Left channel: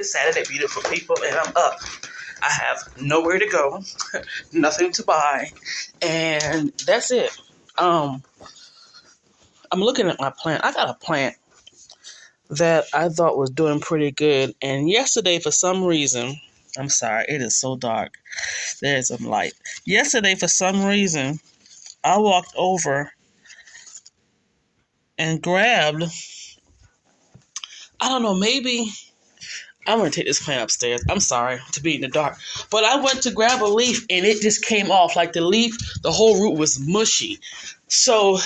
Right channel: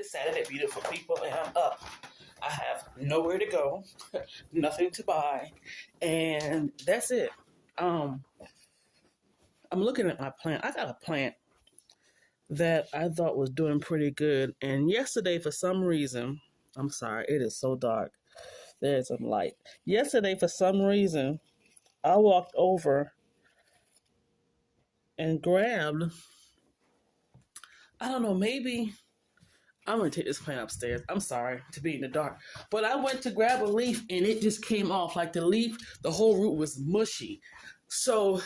It's Saturday, beautiful people, and I'm up. I have nowhere to go, nothing to buy, and that's it. I'm looking at my plant. I got a plant that I thought was doing pretty good, and yesterday, for some reason, I'm sorry, it is so dark. There's some light. Yesterday, for some reason, I walked over and grabbed, I don't know, maybe I'm going to take this plant upstairs. I'm sorry to be in the dark. But I went to grab a leaf and it just came off. Like the leaf, the whole root was mushy. So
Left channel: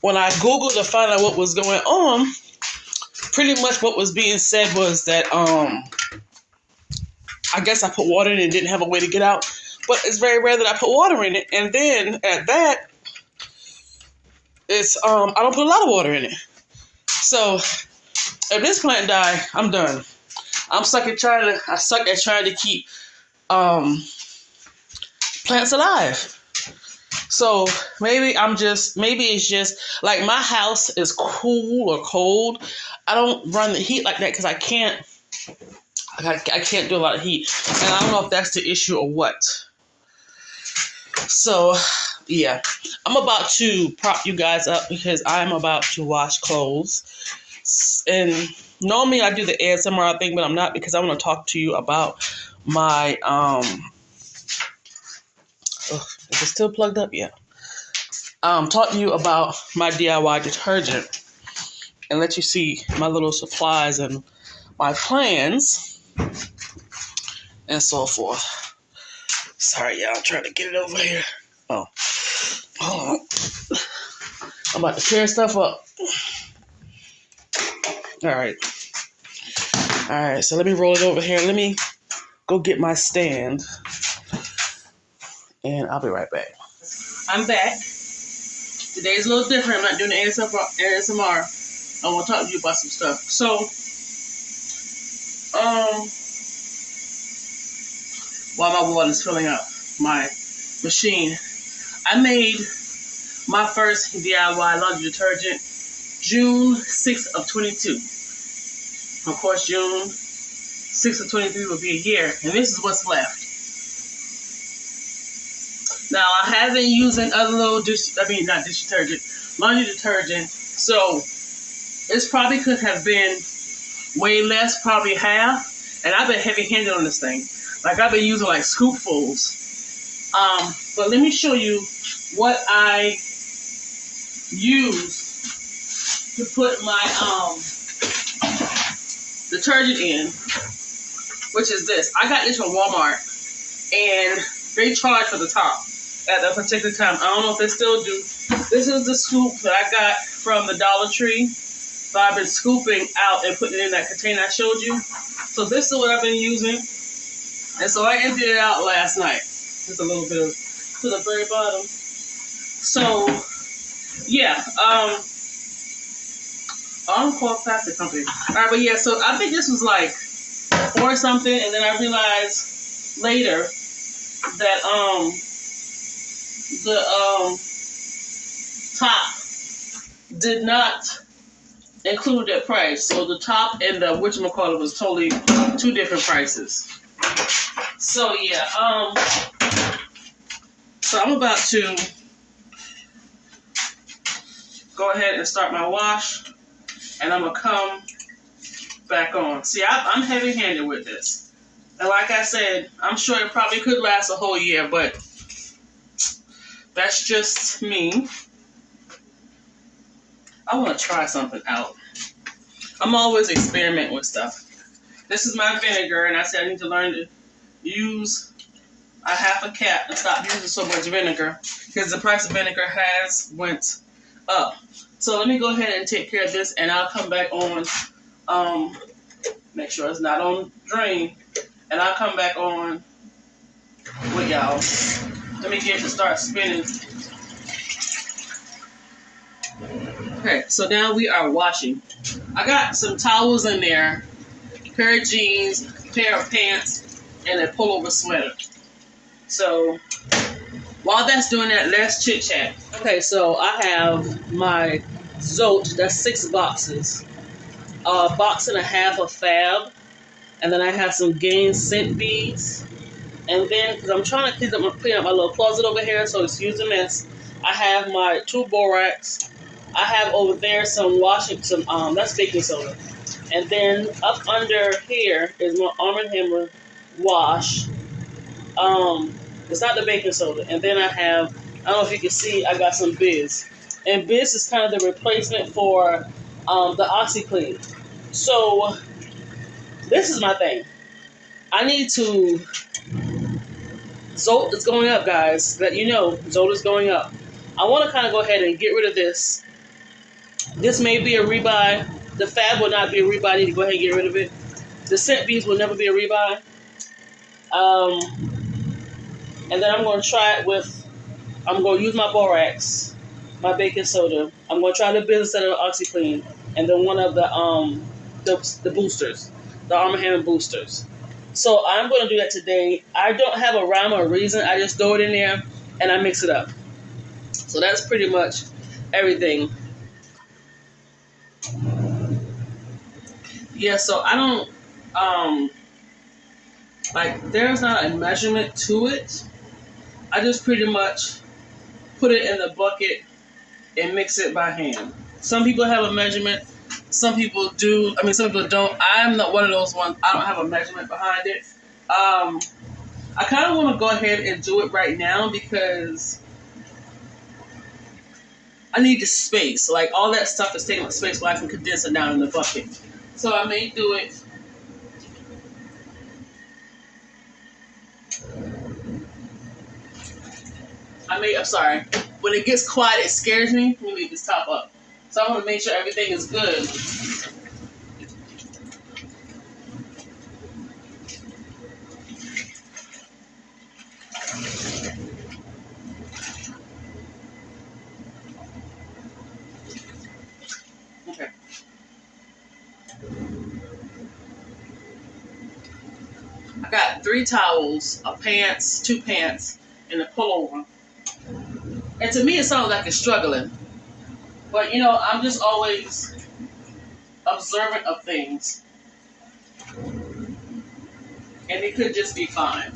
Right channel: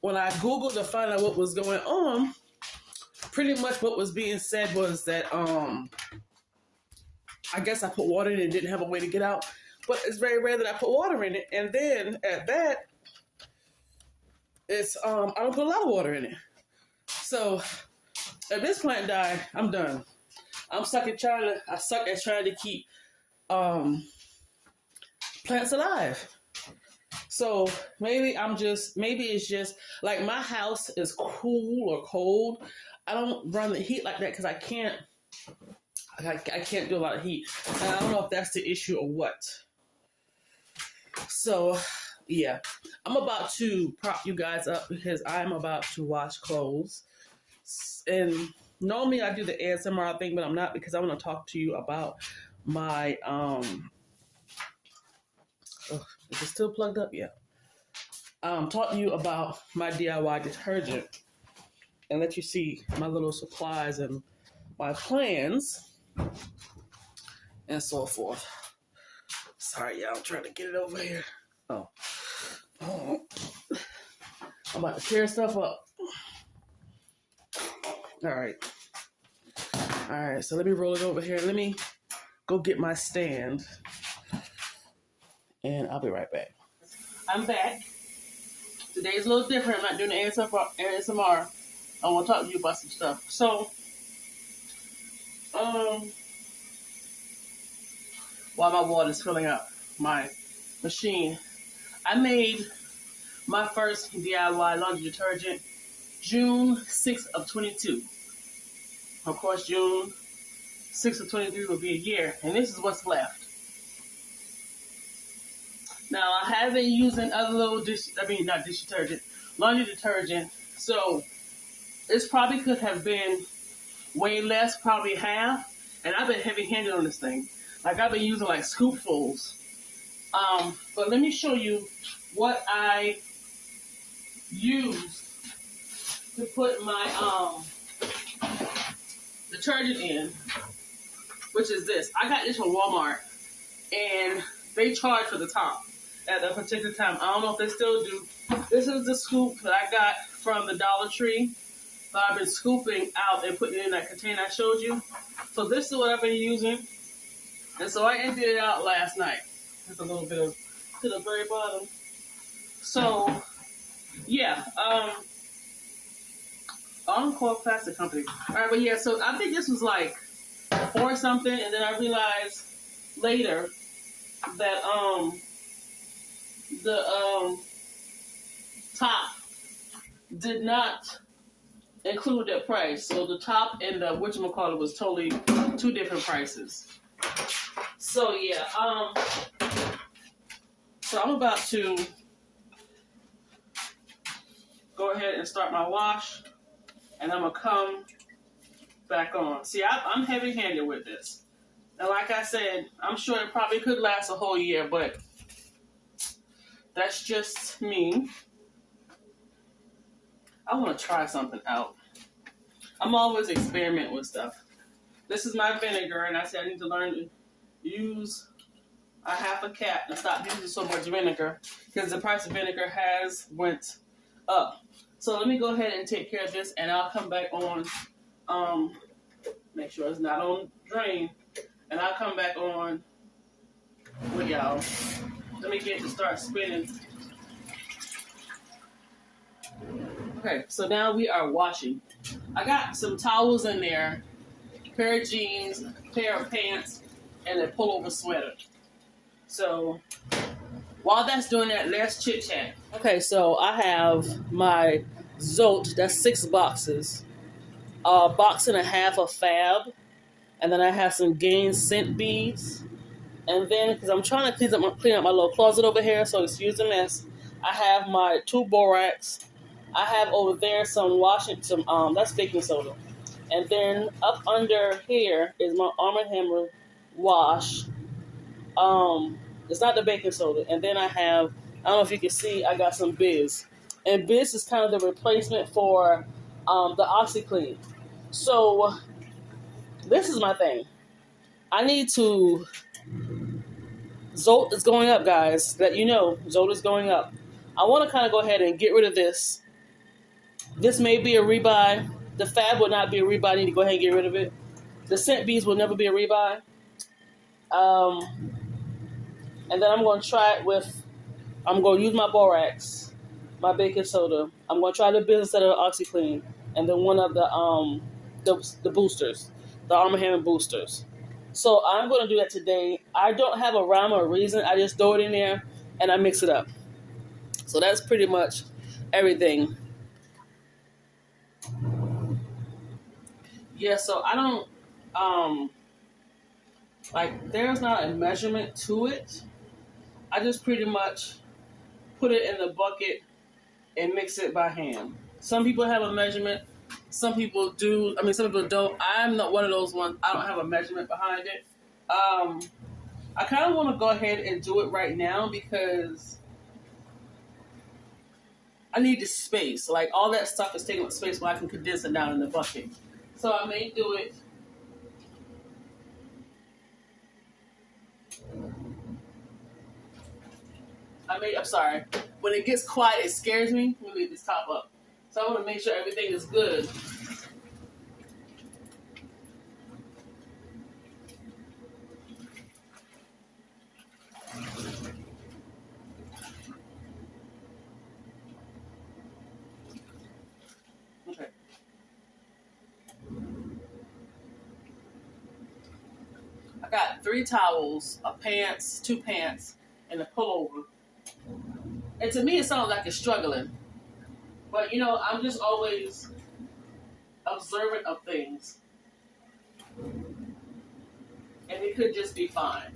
when I Googled to find out what was going on, pretty much what was being said was that I guess I put water in it and didn't have a way to get out. But it's very rare that I put water in it. And then at that, it's I don't put a lot of water in it. So if this plant die, I'm done. I suck at trying to keep plants alive. So maybe it's just like my house is cool or cold. I don't run the heat like that because I can't do a lot of heat. And I don't know if that's the issue or what. So yeah, I'm about to prop you guys up because I'm about to wash clothes. And normally I do the ASMR thing, but I'm not because I want to talk to you about my, is it still plugged up? Yeah. Talk to you about my DIY detergent and let you see my little supplies and my plans and so forth. Sorry, y'all, I'm trying to get it over here. Oh, hold on. I'm about to tear stuff up. All right, so let me roll it over here. Let me go get my stand, and I'll be right back. I'm back. Today's a little different. I'm not doing the ASMR. I want to talk to you about some stuff. So, while my water's filling up my machine, I made my first DIY laundry detergent June 6th of 22. Of course, June 6th of 23 will be a year, and this is what's left. Now, I have been using other little laundry detergent, so this probably could have been way less, probably half, and I've been heavy-handed on this thing. Like, I've been using, like, scoopfuls. But let me show you what I use to put my detergent in, which is this. I got this from Walmart, and they charge for the top at a particular time. I don't know if they still do. This is the scoop that I got from the Dollar Tree, but I've been scooping out and putting it in that container I showed you. So this is what I've been using, and so I emptied it out last night. Just a little bit of to the very bottom. So yeah, I'm called plastic company. All right, but yeah, so I think this was like or something, and then I realized later that the top did not include that price. So the top and the whatchamacallit was totally two different prices. So yeah, so I'm about to go ahead and start my wash, and I'm gonna come back on. See, I'm heavy-handed with this, and like I said, I'm sure it probably could last a whole year, but that's just me. I want to try something out. I'm always experimenting with stuff. This is my vinegar, and I said I need to learn to use a half a cap and stop using so much vinegar because the price of vinegar has went up. So let me go ahead and take care of this, and I'll come back on, make sure it's not on drain, and I'll come back on with y'all. Let me get it to start spinning. Okay, so now we are washing. I got some towels in there, a pair of jeans, a pair of pants, and a pullover sweater. So while that's doing that, let's chit-chat. Okay, so I have my Zote, that's 6 boxes. A box and a half of Fab, And then I have some Gain scent beads. And then, because I'm trying to clean up my little closet over here, so it's used a mess, I have my 2 borax. I have over there some that's baking soda. And then up under here is my Arm & Hammer wash. It's not the baking soda. And then I don't know if you can see, I got some Biz. And Biz is kind of the replacement for the OxyClean. So, this is my thing. I need to... Zolt is going up, guys. Let you know, Zolt is going up. I want to kind of go ahead and get rid of this. This may be a rebuy. The Fab will not be a rebuy. I need to go ahead and get rid of it. The scent beads will never be a rebuy. And then I'm going to try it with, I'm going to use my borax, my baking soda. I'm going to try the business out of OxyClean, and then one of the boosters, the Arm & Hammer boosters. So I'm going to do that today. I don't have a rhyme or reason. I just throw it in there and I mix it up. So that's pretty much everything. Yeah, so I don't, there's not a measurement to it. I just pretty much put it in the bucket and mix it by hand. Some people have a measurement. Some people do. Some people don't. I'm not one of those ones. I don't have a measurement behind it. I kind of want to go ahead and do it right now because I need the space. Like, all that stuff is taking up space where I can condense it down in the bucket. So I may do it. I'm sorry. When it gets quiet, it scares me. Let me leave this top up. So I want to make sure everything is good. Okay. I got 3 towels, a pants, 2 pants, and a pullover. And to me, it sounds like it's struggling. But, I'm just always observant of things. And it could just be fine.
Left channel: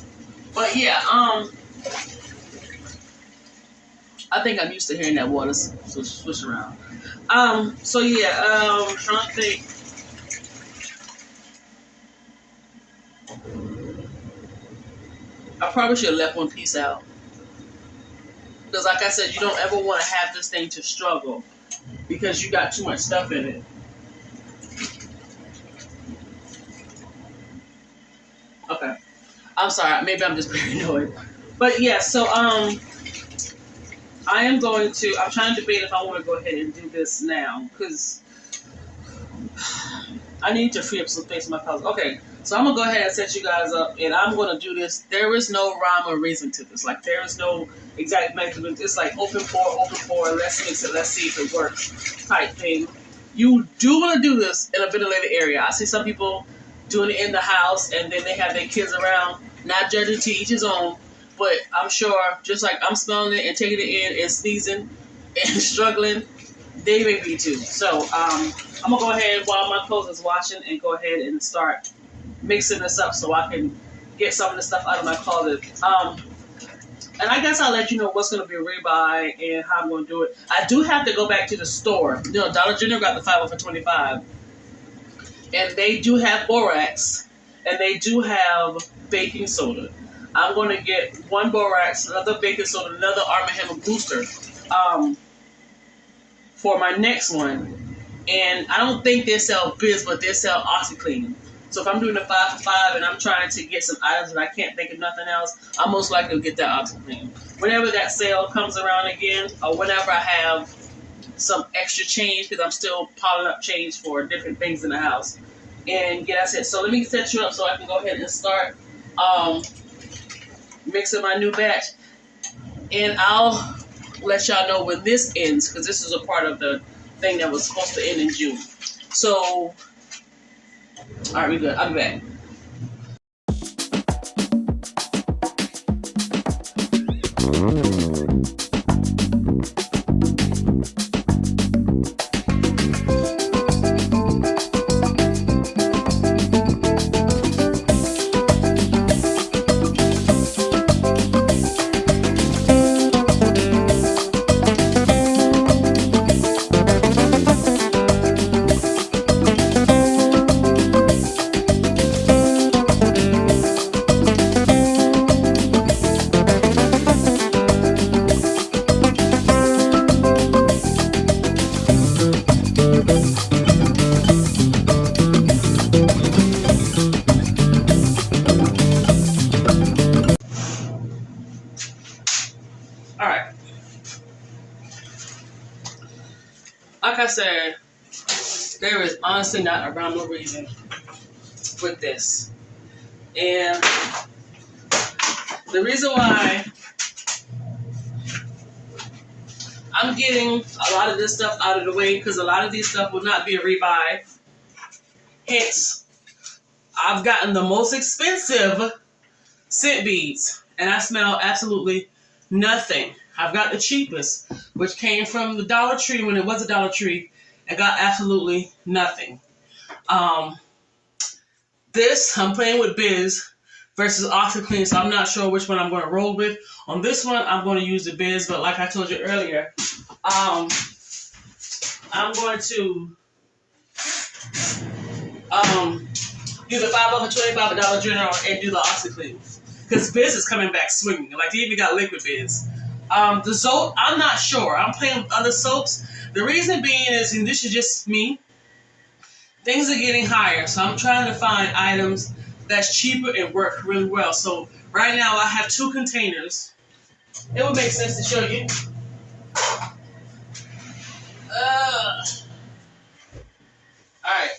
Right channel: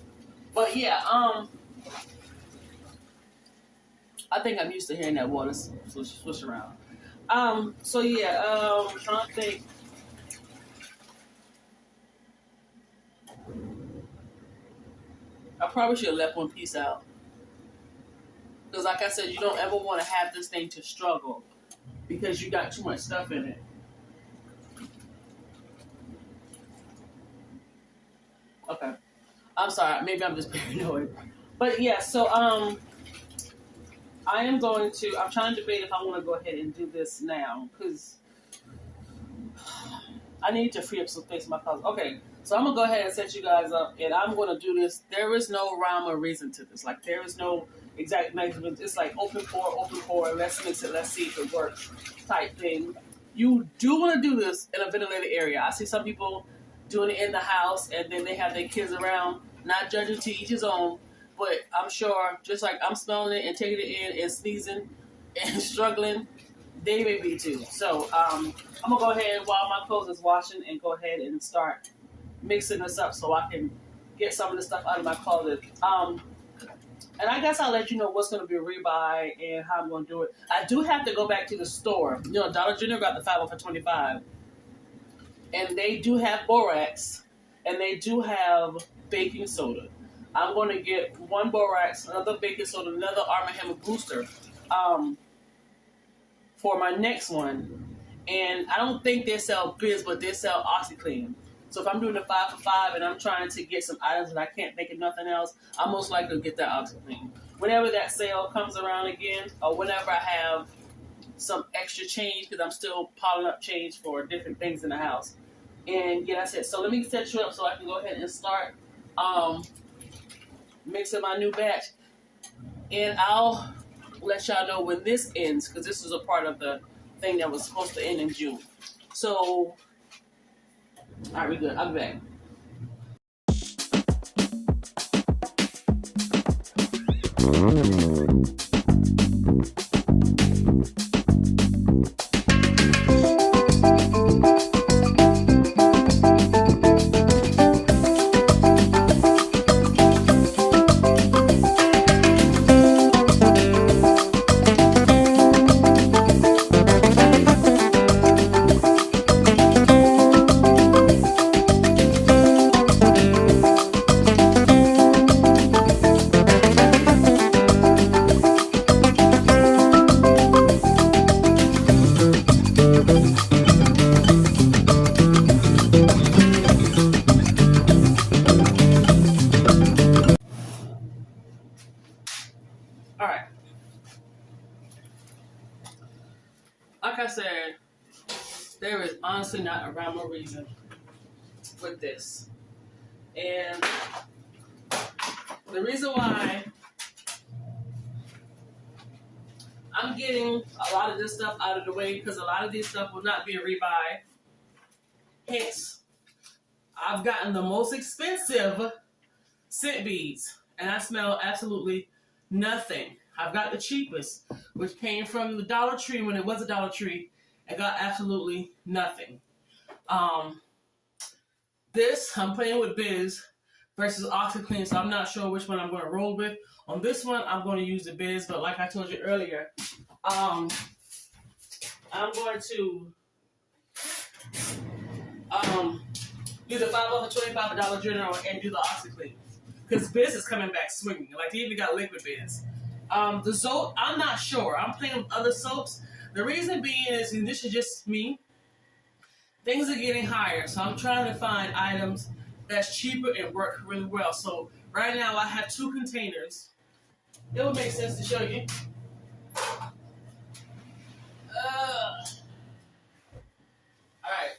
But, yeah, I think I'm used to hearing that water swish around. So, yeah, I'm trying to think. I probably should have left one piece out. Because, like I said, you don't ever want to have this thing to struggle. Because you got too much stuff in it. Okay. I'm sorry. Maybe I'm just paranoid. But yeah, so I'm trying to debate if I want to go ahead and do this now. Because I need to free up some space in my closet. Okay. So I'm going to go ahead and set you guys up. And I'm going to do this. There is no rhyme or reason to this. Like, there is no exact measurement. It's like open pour, let's mix it, let's see if it works type thing. You do want to do this in a ventilated area. I see some people doing it in the house and then they have their kids around, not judging, to each his own, but I'm sure just like I'm smelling it and taking it in and sneezing and struggling, they may be too. So I'm going to go ahead while my clothes is washing and go ahead and start mixing this up so I can get some of the stuff out of my closet. And I guess I'll let you know what's going to be a rebuy and how I'm going to do it. I do have to go back to the store. Dollar General got the 5 for $25. And they do have borax. And they do have baking soda. I'm going to get 1 borax, another baking soda, another Arm & Hammer booster for my next one. And I don't think they sell Biz, but they sell OxyClean. So if I'm doing a 5 for $5 and I'm trying to get some items and I can't think of nothing else, I'm most likely to get that OxyClean. Whenever that sale comes around again, or whenever I have some extra change, because I'm still piling up change for different things in the house. And yeah, that's it. So let me set you up so I can go ahead and start mixing my new batch. And I'll let y'all know when this ends, because this is a part of the thing that was supposed to end in June. So... all right, we good. I'll be back. honestly not around no reason with this. And the reason why I'm getting a lot of this stuff out of the way, because a lot of these stuff will not be a rebuy. Hence, I've gotten the most expensive scent beads, and I smell absolutely nothing. I've got the cheapest, which came from the Dollar Tree when it was a Dollar Tree, and got absolutely nothing. This, I'm playing with Biz versus OxiClean, so I'm not sure which one I'm going to roll with. On this one, I'm going to use the Biz, but like I told you earlier, I'm going to do the $5 off $25 General and do the OxiClean. Because Biz is coming back swinging. Like, they even got liquid Biz. The soap, I'm not sure. I'm playing with other soaps. The reason being is, and this is just me, things are getting higher. So I'm trying to find items that's cheaper and work really well. So right now I have 2 containers. It would make sense to show you. Alright.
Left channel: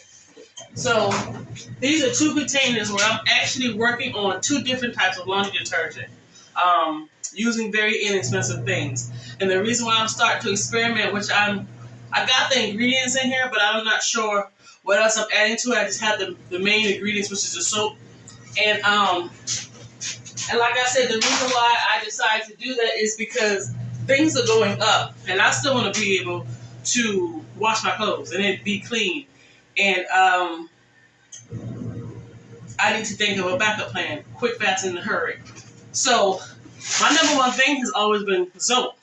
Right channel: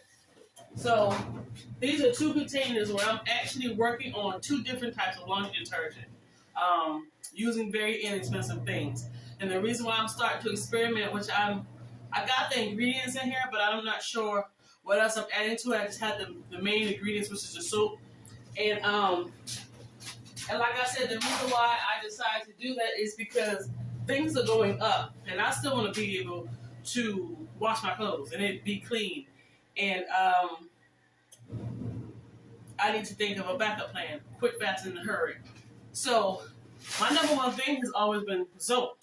So these are 2 containers where I'm actually working on 2 different types of laundry detergent. Using very inexpensive things. And the reason why I'm starting to experiment, which I got the ingredients in here, but I'm not sure what else I'm adding to it. I just have the main ingredients, which is the soap. And like I said, the reason why I decided to do that is because things are going up, and I still want to be able to wash my clothes and it be clean. And I need to think of a backup plan, quick, fast, in a hurry. So my number one thing has always been soap.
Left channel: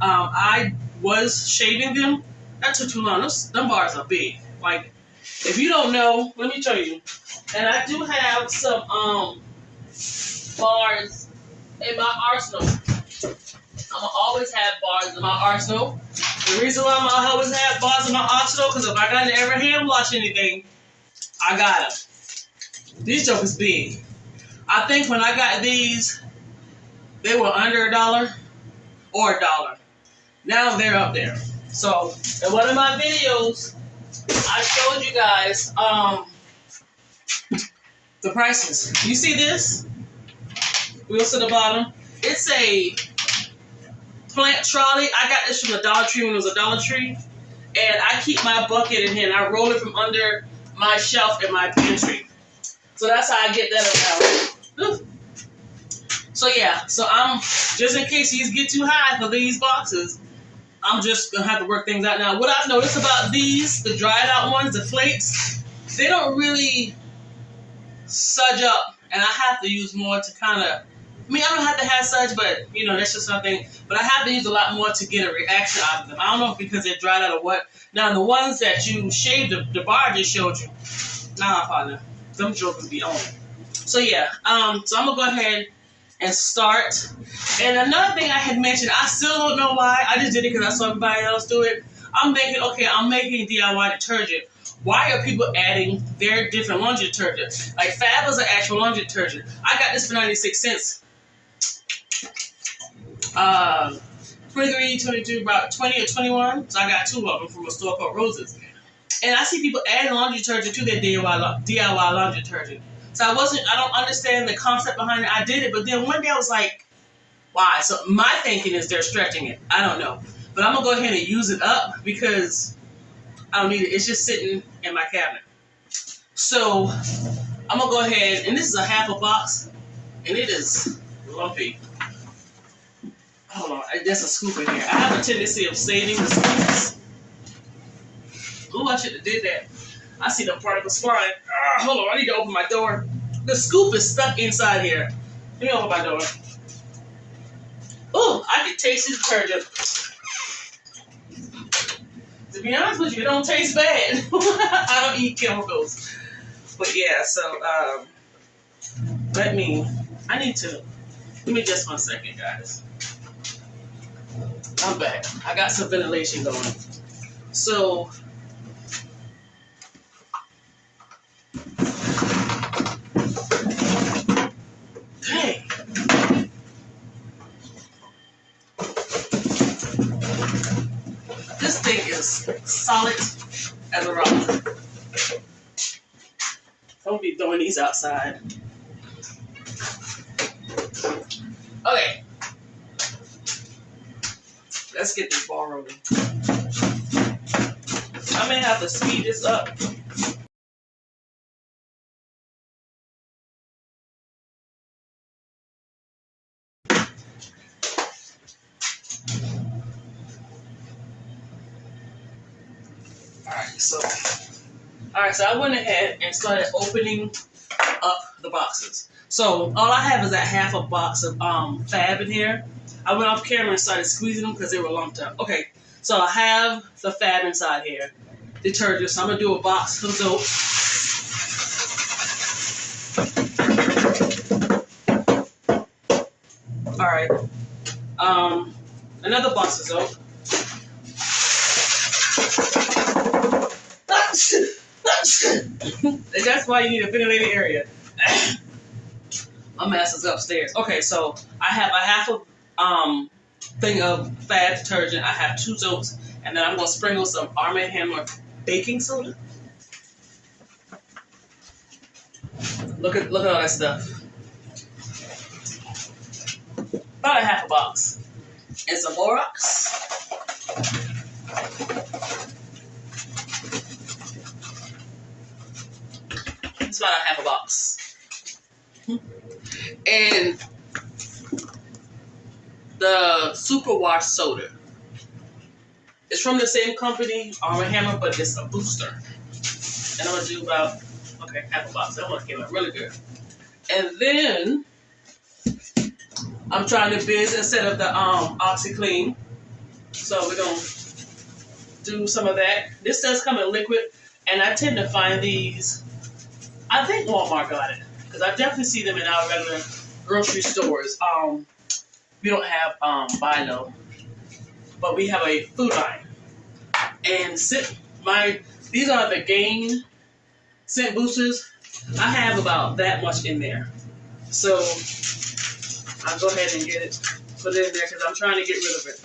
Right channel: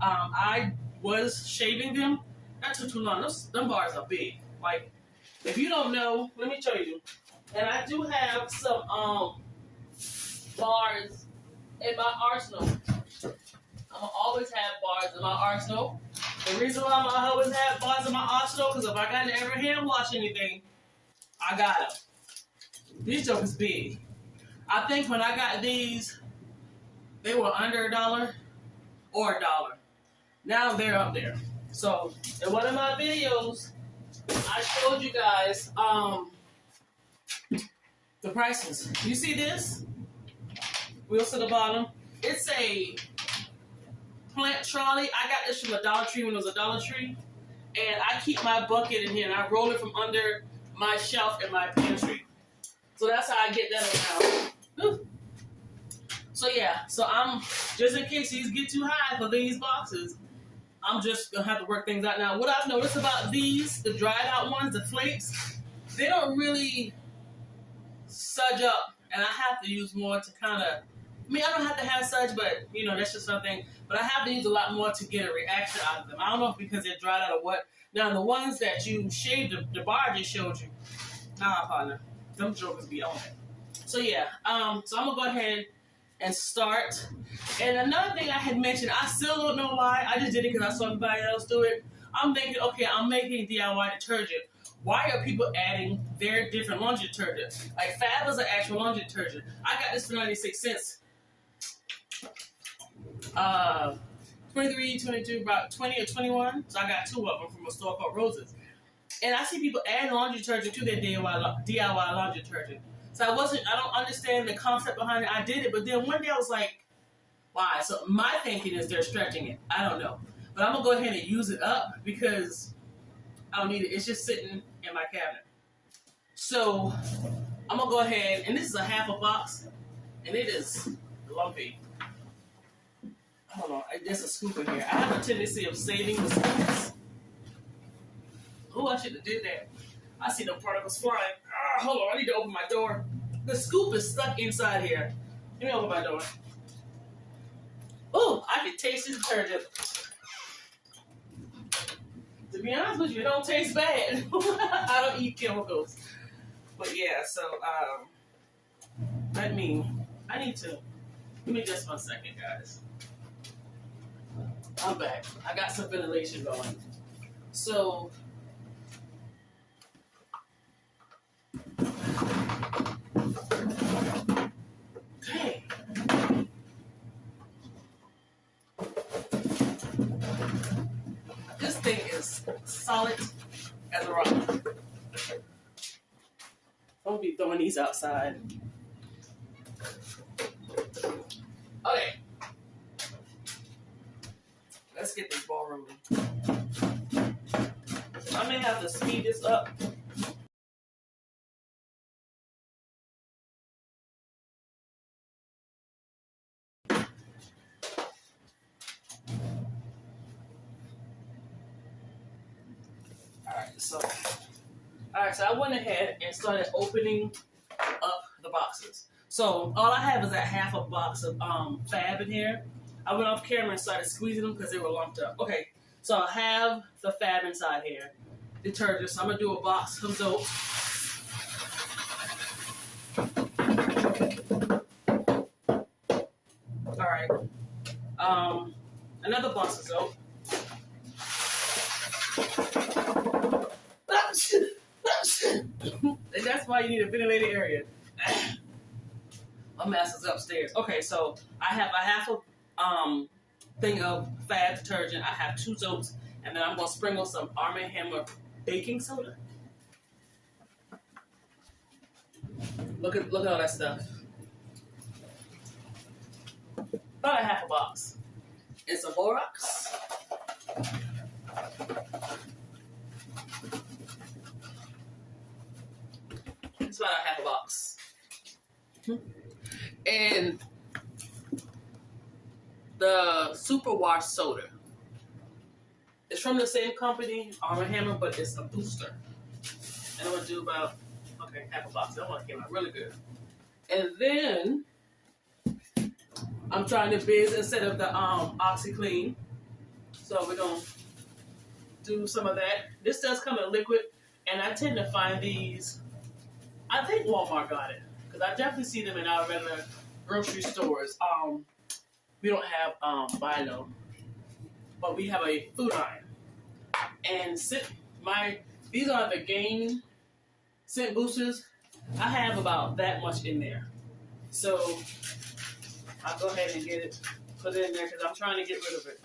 I was shaving them. That took too long. Them bars are big. Like, if you don't know, let me show you. And I do have some bars in my arsenal. I'm gonna always have bars in my arsenal. The reason why I'm gonna always have bars in my arsenal, because if I gotta ever hand wash anything, I got them. These jokers big. I think when I got these, they were under $1 or $1. Now they're up there. So in one of my videos, I showed you guys the prices. You see this? Wheels to the bottom. It's a plant trolley. I got this from the Dollar Tree when it was a Dollar Tree. And I keep my bucket in here and I roll it from under my shelf in my pantry. So that's how I get that about. So yeah, so I'm, just in case these get too high for these boxes, I'm just going to have to work things out. Now, what I've noticed about these, the dried out ones, the flakes, they don't really sudge up. And I have to use more to kind of, I mean, I don't have to have such, but, you know, that's just something. But I have to use a lot more to get a reaction out of them. I don't know if because they're dried out or what. Now, the ones that you shaved, the bar I just showed you, nah, partner, them jokers be on it. So, yeah, so I'm going to go ahead and start. And another thing I had mentioned, I still don't know why. I just did it because I saw everybody else do it. I'm thinking, okay, I'm making DIY detergent. Why are people adding their different laundry detergent? Like Fab is an actual laundry detergent. I got this for 96 cents. 23, 22, about 20 or 21. So I got 2 of them from a store called Roses. And I see people adding laundry detergent to their DIY laundry detergent. So I don't understand the concept behind it. I did it, but then one day I was like, why? So my thinking is they're stretching it. I don't know. But I'm going to go ahead and use it up because I don't need it. It's just sitting in my cabinet. So I'm going to go ahead, and this is a half a box, and it is lumpy. Hold on, there's a scoop in here. I have a tendency of saving the scoops. Ooh, I should have did that. I see the particles flying. Hold on, I need to open my door. The scoop is stuck inside here. Let me open my door. Oh, I can taste this detergent. To be honest with you, it don't taste bad. I don't eat chemicals. But yeah, so, let me just 1 second, guys. I'm back. I got some ventilation going. So, dang. This thing is solid as a rock. these outside. Okay. Let's get this ball rolling. I may have to speed this up. Alright, so I went ahead and started opening up the boxes. So all I have is that half a box of fab in here. I went off camera and started squeezing them because they were lumped up. Okay, so I have the fab inside here. Detergent. So I'm gonna do a box of soap. Alright. Another box of soap. That's why you need a ventilated area. My mess is upstairs. Okay, so I have a half a thing of fab detergent. I have 2 soaps, and then I'm gonna sprinkle some Arm & Hammer baking soda. Look at all that stuff. About a half a box. And some borax. It's about a half a box. And the Superwash soda. It's from the same company, Arm & Hammer, but it's a booster. And I'm gonna do about, okay, half a box. I want to get it really good. And then I'm trying to biz instead of the OxyClean. So we're gonna do some of that. This does come in liquid, and I tend to find these. I think Walmart got it because I definitely see them in our regular grocery stores. We don't have Bilo, but we have a food line. And these are the Gain scent boosters. I have about that much in there, so I'll go ahead and get it, put it in there because I'm trying to get rid of it.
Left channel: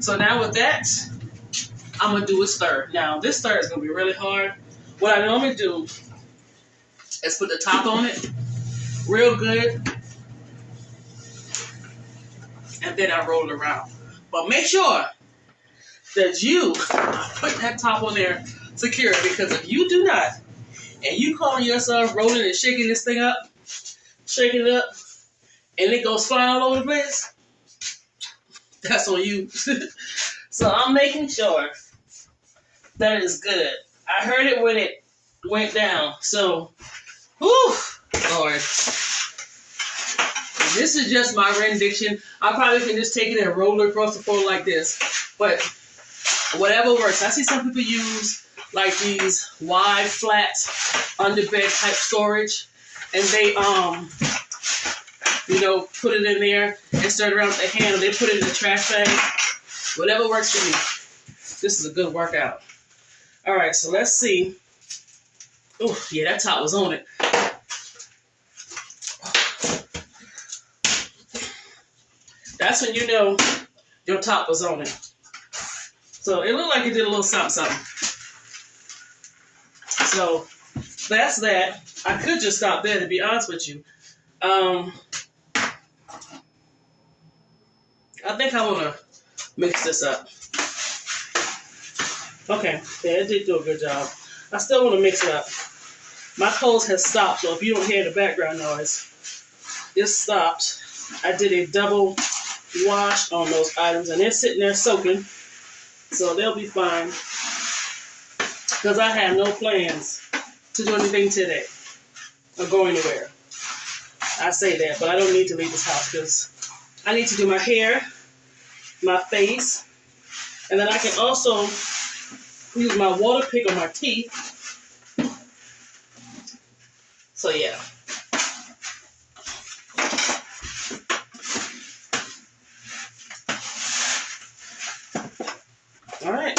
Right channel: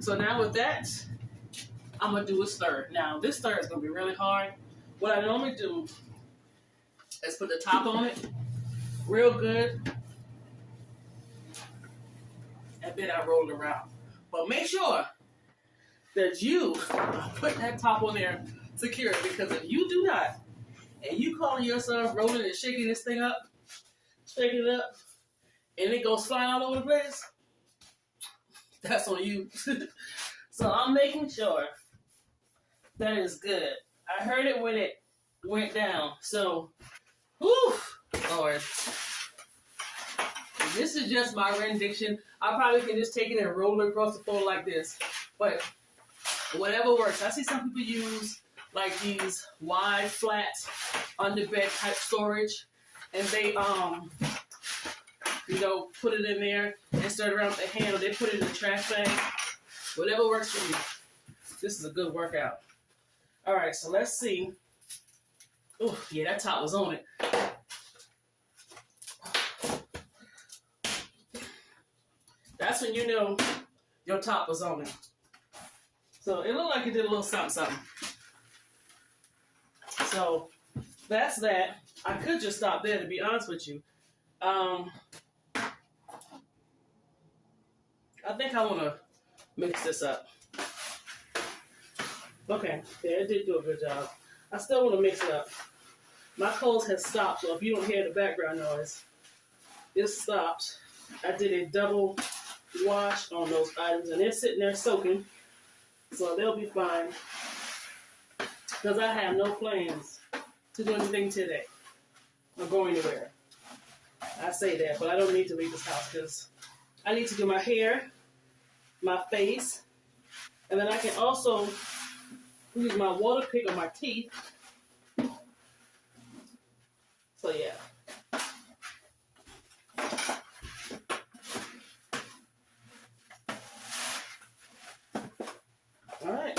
So now with that, I'm gonna do a stir. Now this stir is gonna be really hard. What I normally do is put the top on it real good, and then I roll it around. But make sure that you put that top on there secure, because if you do not, and you calling yourself rolling and shaking this thing up, shaking it up, and it goes flying all over the place, that's on you. So I'm making sure that it's good. I heard it when it went down. So, whew, Lord. This is just my rendition. I probably can just take it and roll it across the floor like this. But whatever works. I see some people use like these wide, flat, underbed type storage. And they, put it in there and stir it around with the handle. They put it in the trash bag. Whatever works for me. This is a good workout. All right, so let's see. Oh, yeah, that top was on it. That's when you know your top was on it. So it looked like it did a little something, something. So that's that. I could just stop there, to be honest with you. I think I want to mix this up. Okay, yeah, it did do a good job. I still want to mix it up. My clothes has stopped, so if you don't hear the background noise, it stopped. I did a double wash on those items, and they're sitting there soaking, so they'll be fine. Because I have no plans to do anything today or go anywhere. I say that, but I don't need to leave this house because I need to do my hair, my face, and then I can also use my water pick on my teeth. So yeah. All right.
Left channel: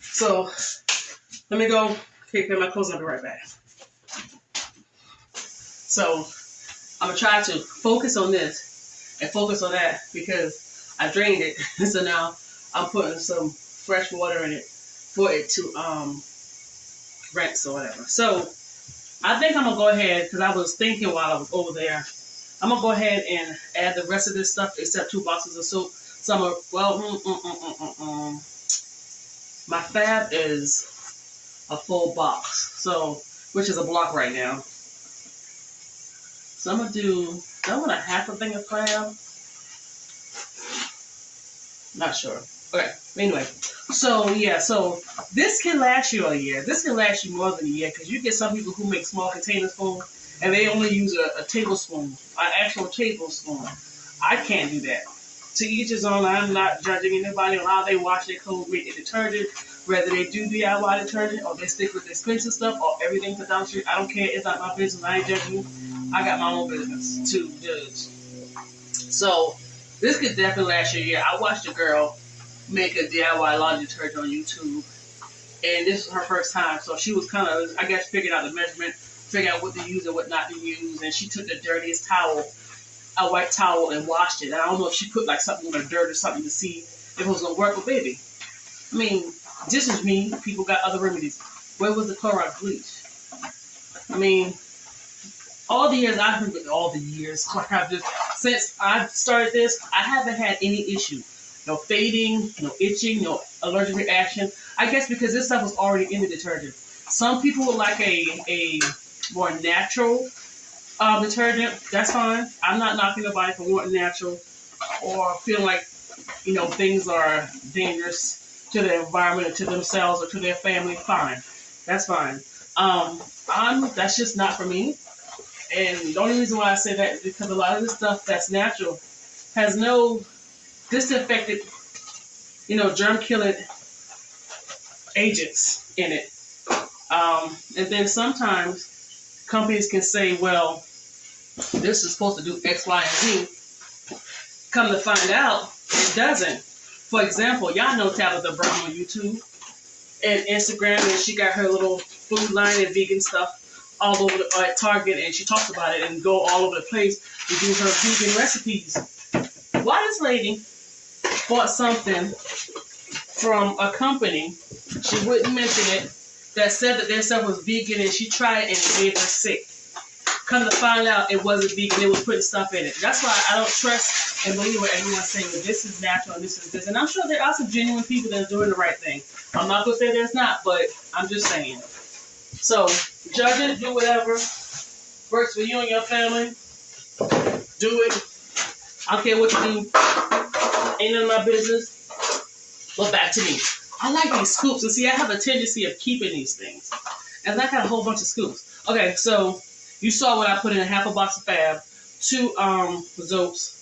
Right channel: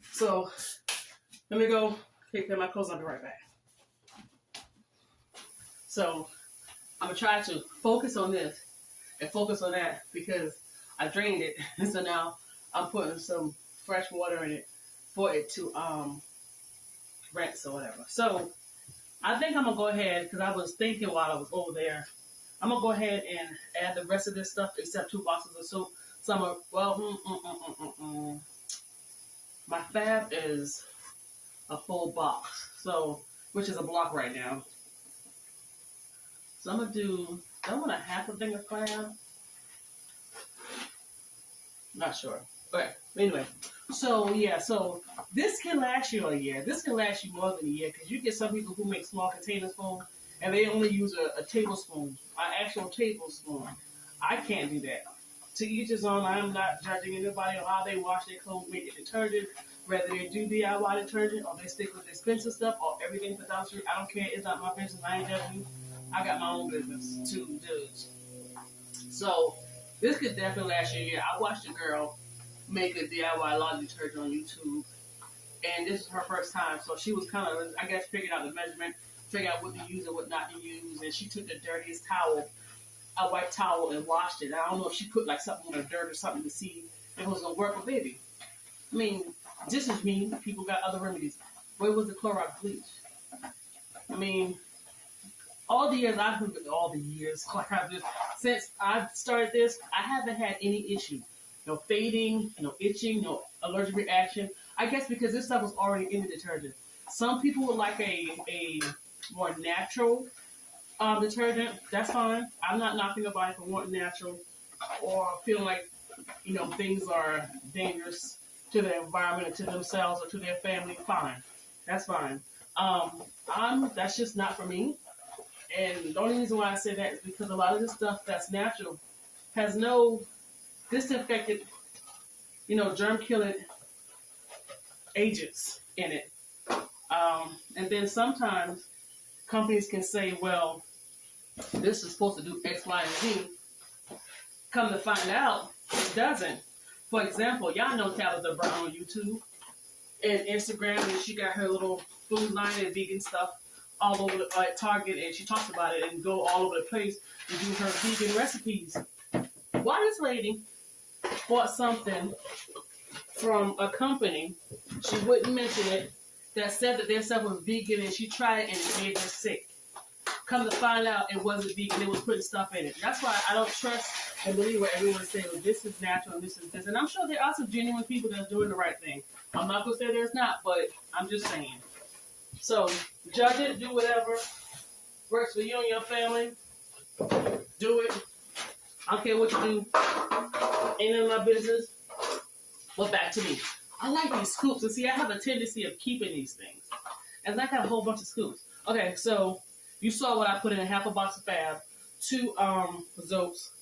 So let me go take care of my clothes. I'll be right back. So I'm gonna try to focus on this and focus on that because I drained it. So now I'm putting some fresh water in it for it to rinse or whatever. So I think I'm gonna go ahead, because I was thinking while I was over there, I'm gonna go ahead and add the rest of this stuff except 2 boxes of soap. So I'm my fab is a full box, so which is a block right now. So I'm gonna do, I want a half a thing of fab. Not sure. Okay. Anyway, so yeah, so this can last you a year. This can last you more than a year, because you get some people who make small containers full and they only use a tablespoon, an actual tablespoon. I can't do that. To each his own. I'm not judging anybody on how they wash their clothes, make their detergent, whether they do DIY detergent or they stick with the expensive stuff or everything for Dollar Tree. I don't care. It's not my business. I ain't judging you. I got my own business to judge. So this could definitely last you a year. I watched a girl make a DIY laundry detergent on YouTube, and this is her first time, so she was kind of, I guess, figuring out the measurement, figuring out what to use and what not to use, and she took the dirtiest towel, a white towel, and washed it. And I don't know if she put like something on the dirt or something to see if it was gonna work, but baby, I mean, this is me. People got other remedies. Where was the Clorox bleach? I mean, all the years, since I started this, I haven't had any issue. No fading, no itching, no allergic reaction. I guess because this stuff was already in the detergent. Some people would like a more natural detergent. That's fine. I'm not knocking nobody for wanting natural or feeling like, things are dangerous to the environment or to themselves or to their family. Fine. That's fine. That's just not for me. And the only reason why I say that is because a lot of the stuff that's natural has no disinfected, germ-killing agents in it. And then sometimes companies can say, well, this is supposed to do X, Y, and Z. Come to find out, it doesn't. For example, y'all know Tabitha Brown on YouTube and Instagram, and she got her little food line and vegan stuff all over at Target, and she talks about it and go all over the place to do her vegan recipes. Why this lady bought something from a company, she wouldn't mention it, that said that their stuff was vegan, and she tried it and it made her sick. Come to find out it wasn't vegan, it was putting stuff in it. That's why I don't trust and believe what everyone's saying, well, this is natural and this is this. And I'm sure there are some genuine people that are doing the right thing. I'm not going to say there's not, but I'm just saying. So, judge it, do whatever works for you and your family. Do it. I don't care what you do. Ain't none of my business. But back to me. I like these scoops. And see, I have a tendency of keeping these things. And I got a whole bunch of scoops. Okay, so you saw what I put in half a box of Fab. 2 soaps.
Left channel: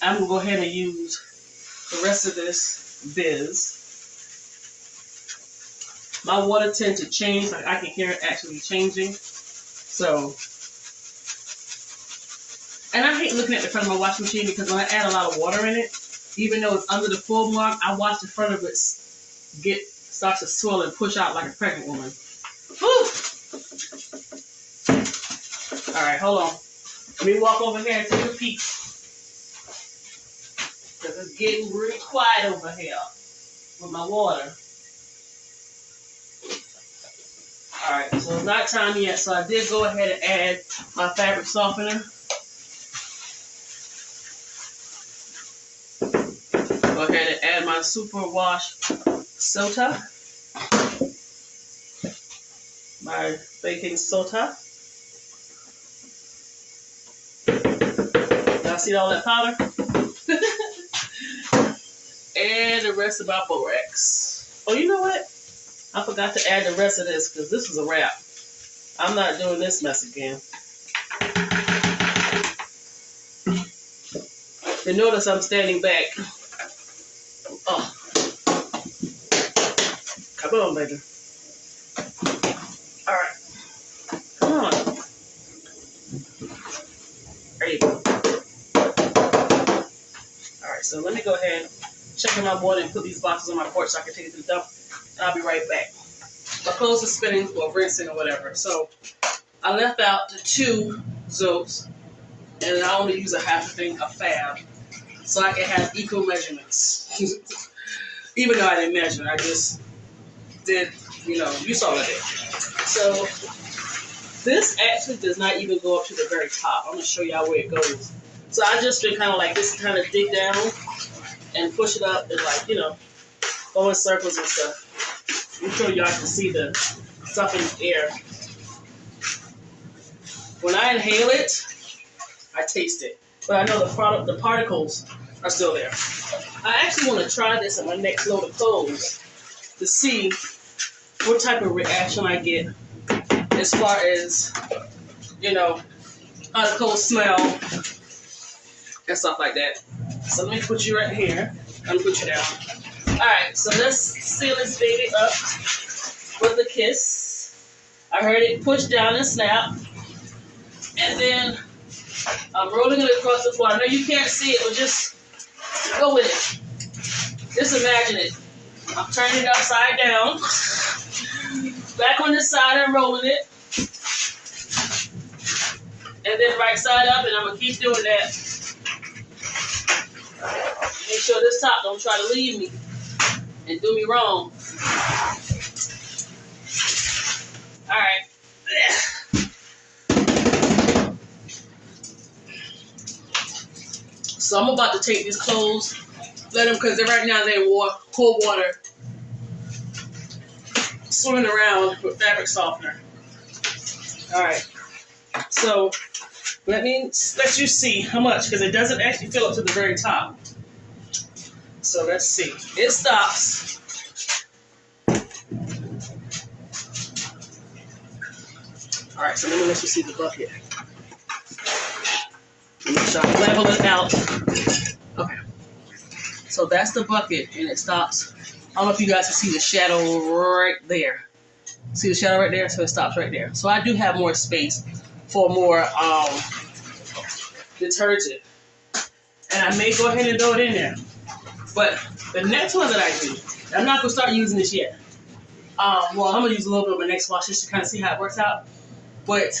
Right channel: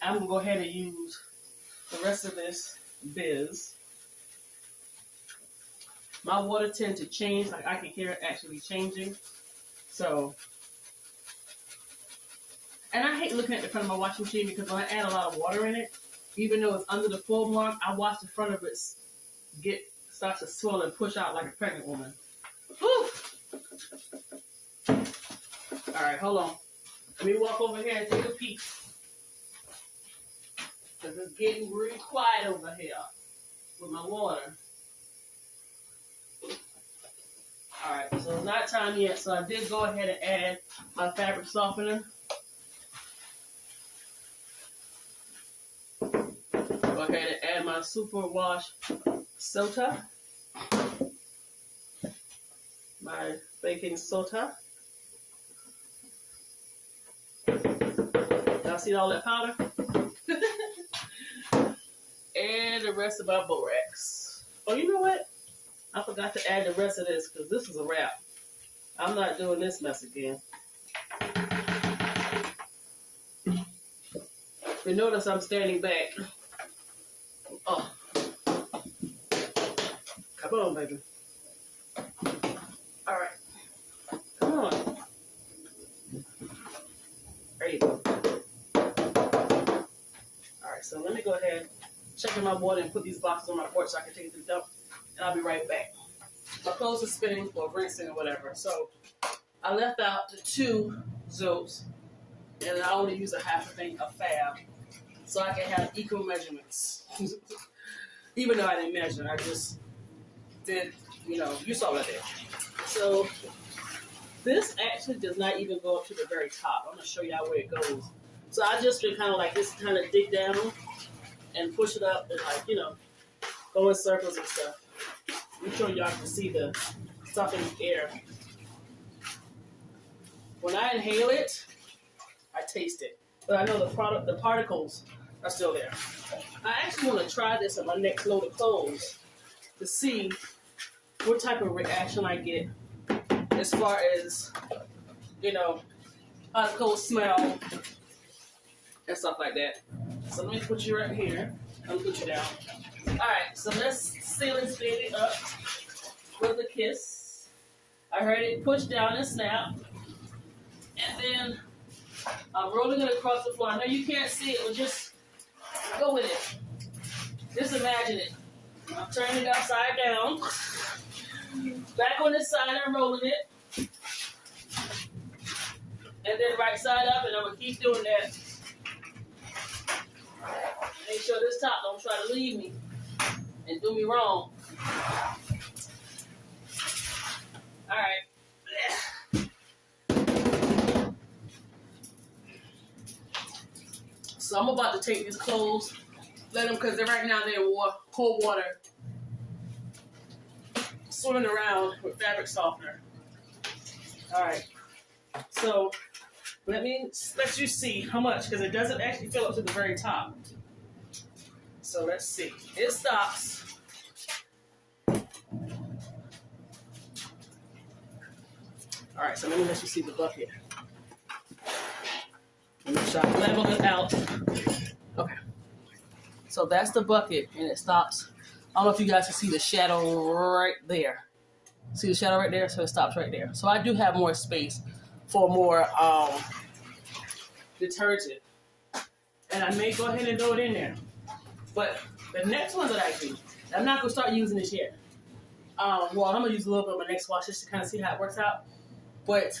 I'm going to go ahead and use the rest of this Biz. My water tends to change. Like I can hear it actually changing. So, and I hate looking at the front of my washing machine because when I add a lot of water in it, even though it's under the full mark, I watch the front of it starts to swell and push out like a pregnant woman. Whew. All right, hold on. Let me walk over here and take a peek. Because it's getting really quiet over here with my water. Alright, so it's not time yet, so I did go ahead and add my fabric softener. Go ahead and add my super wash soda. My baking soda. Y'all see all that powder? And the rest of my borax. Oh, you know what? I forgot to add the rest of this because this is a wrap. I'm not doing this mess again. You notice I'm standing back. Oh. Come on, baby. All right. Come on. There you go. All right, so let me go ahead, check in my water, and put these boxes on my porch so I can take it to the dump. And I'll be right back. My clothes are spinning or rinsing or whatever. So I left out the 2 soaps, and I only use a half a thing of Fab, so I can have equal measurements. Even though I didn't measure, I just did, you know, you saw that. So this actually does not even go up to the very top. I'm going to show y'all where it goes. So I just been kind of like this, kind of dig down and push it up and like, you know, go in circles and stuff. I'm sure y'all can see the stuff in the air. When I inhale it, I taste it. But I know the particles are still there. I actually want to try this on my next load of clothes to see what type of reaction I get as far as, you know, how the clothes smell and stuff like that. So let me put you right here. I'm going to put you down. Alright, so let's seal this baby up with a kiss. I heard it push down and snap. And then I'm rolling it across the floor. I know you can't see it, but just go with it. Just imagine it. I'm turning it upside down. Back on this side and rolling it. And then right side up, and I'm going to keep doing that. Make sure this top don't try to leave me and do me wrong. Alright. So I'm about to take these clothes, let them, because right now they're in cold water, swimming around with fabric softener. Alright. So let me let you see how much, because it doesn't actually fill up to the very top. So let's see. It stops. Alright, so let me let you see the bucket. Let me try to level it out. Okay. So that's the bucket, and it stops. I don't know if you guys can see the shadow right there. See the shadow right there? So it stops right there. So I do have more space for more detergent. And I may go ahead and throw it in there. But the next one that I do, I'm not going to start using this yet. Well, I'm going to use a little bit of my next wash just to kind of see how it works out. But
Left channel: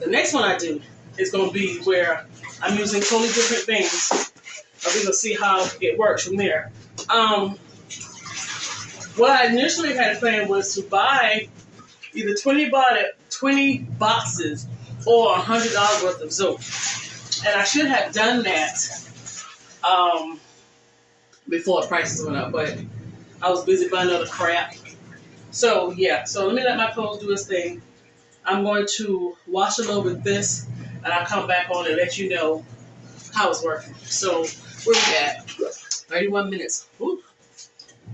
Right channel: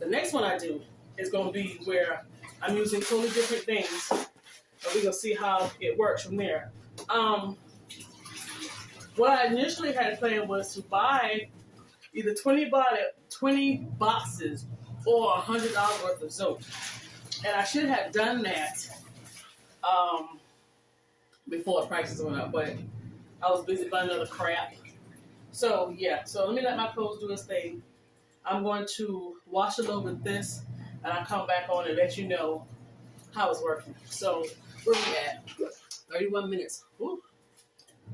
the next one I do is going to be where I'm using totally different things. And we're going to see how it works from there. What I initially had planned was to buy either 20 boxes or $100 worth of soap. And I should have done that before the prices went up, but I was busy buying other crap. So yeah, so let me let my clothes do its thing. I'm going to wash it over with this, and I'll come back on and let you know how it's working. So where we at? 31 minutes. Ooh.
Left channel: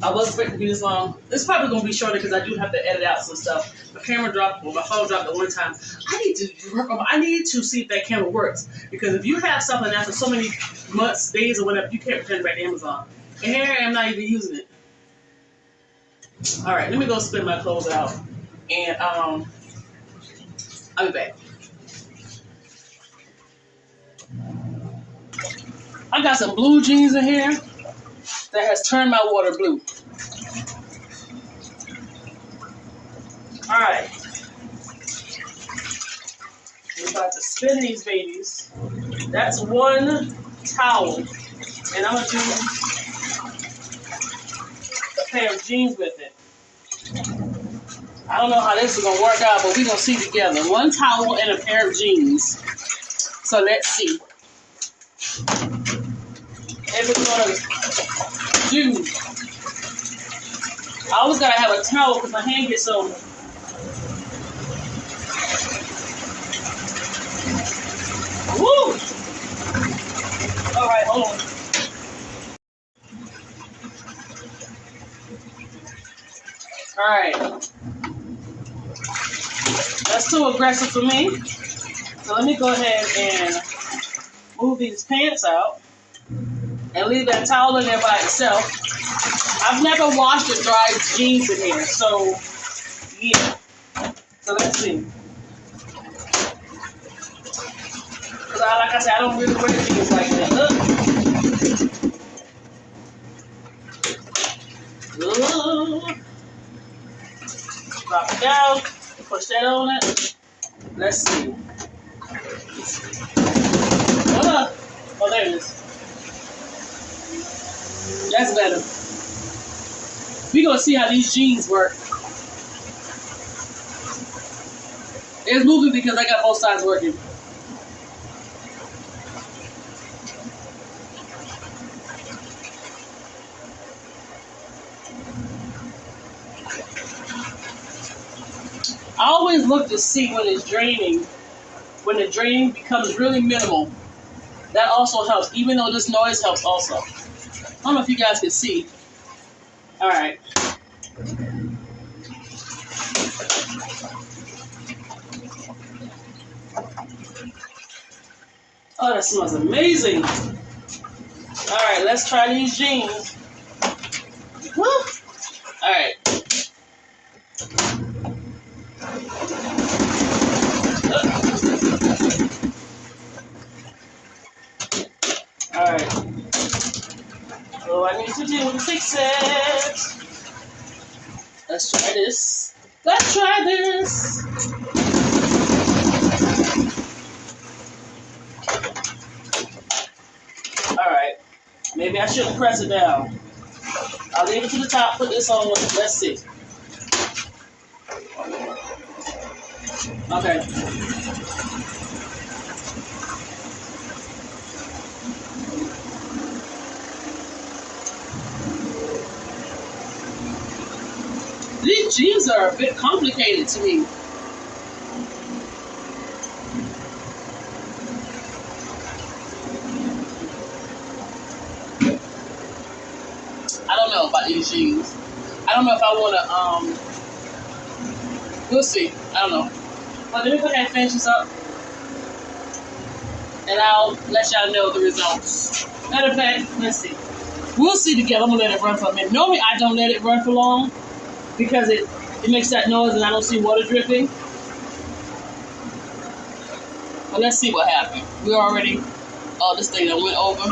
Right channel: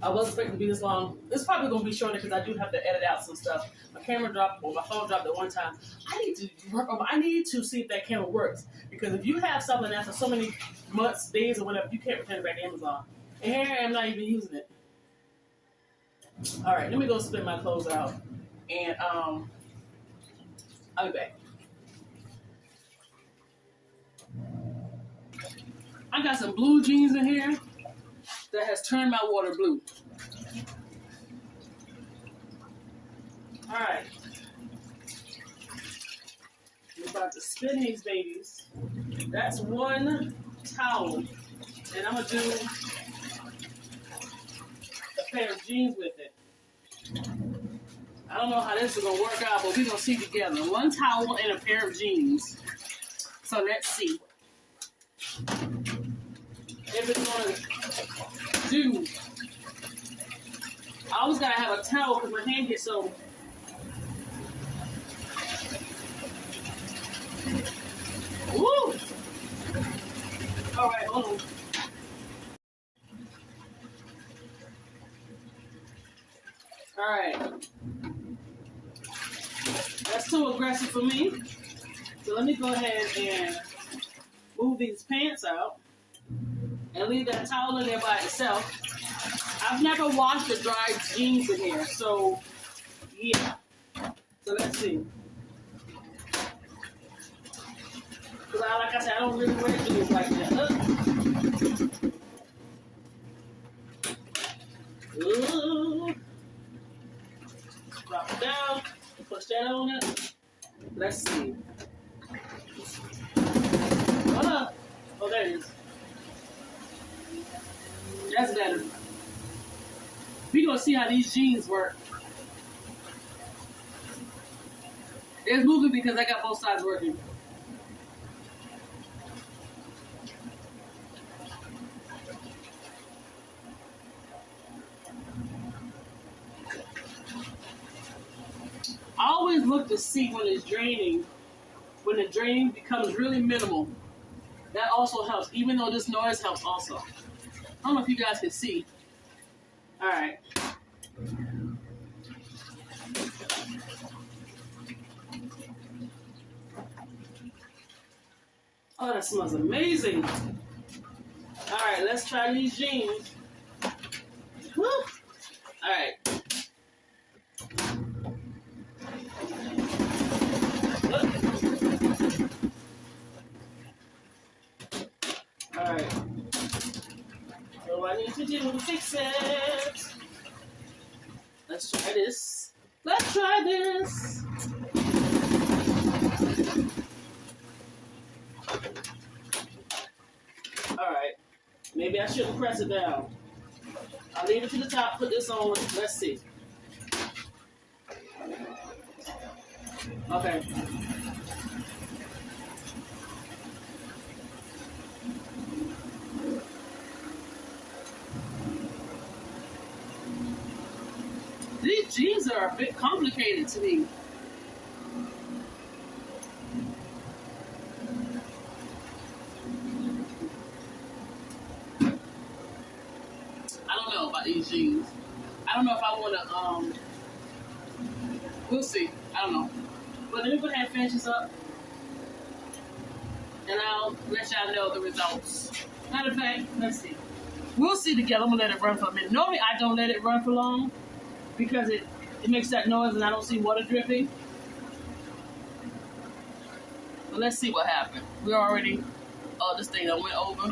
I wasn't expecting to be this long. It's probably going to be shorter because I do have to edit out some stuff. My camera dropped, well, my phone dropped at one time. I need to see if that camera works. Because if you have something after so many months, days, or whatever, you can't return it back to Amazon. And here I am not even using it. All right, let me go spin my clothes out. And I'll be back. I got some blue jeans in here that has turned my water blue. All right. We're about to spin these babies. That's one towel. And I'm going to do a pair of jeans with it. I don't know how this is going to work out, but we're going to see together. One towel and a pair of jeans. So let's see. If it's going to do. I always got to have a towel because my hand gets so... Woo! All right, hold on. All right. That's too aggressive for me. So let me go ahead and move these pants out and leave that towel in there by itself. I've never washed or dried jeans in here, so yeah. So let's see. Because like I said, I don't really wear jeans like that. Drop it down. Push that on it. Let's see. Oh, there it is. That's better. We're gonna see how these jeans work. It's moving because I got both sides working. I always look to see when it's draining. When the draining becomes really minimal, that also helps, even though this noise helps also. I don't know if you guys can see. All right. Oh, that smells amazing. All right, let's try these jeans. Woo. All right. All right. What I need to do to fix it? Let's try this. Let's try this. All right. Maybe I shouldn't press it down. I'll leave it to the top. Put this on. Let's see. Okay. These jeans are a bit complicated to me. I don't know about these jeans. I don't know if I want to, we'll see. I don't know. But let me go ahead and finish this up. And I'll let y'all know the results. Matter of fact, let's see. We'll see together. I'm going to let it run for a minute. Normally, I don't let it run for long because it makes that noise and I don't see water dripping. But let's see what happened. We already, this thing that went over.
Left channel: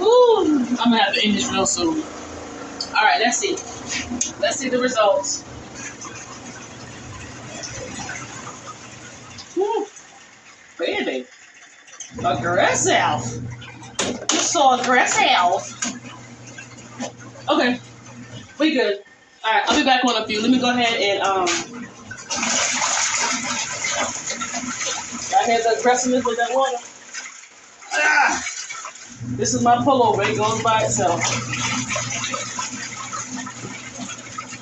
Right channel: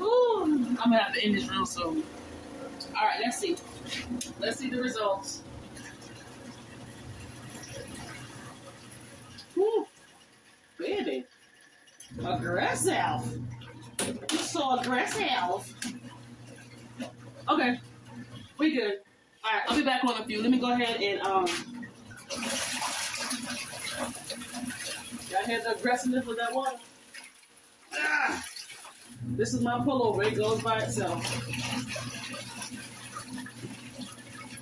Ooh, I'm going to have to end this real soon. All right, let's see. Let's see the results. Woo, baby. Aggressive. You're so aggressive. Okay, we good. All right, I'll be back on a few. Let me go ahead and I hear the aggressiveness with that water. Ah, this is my pullover. It goes by itself.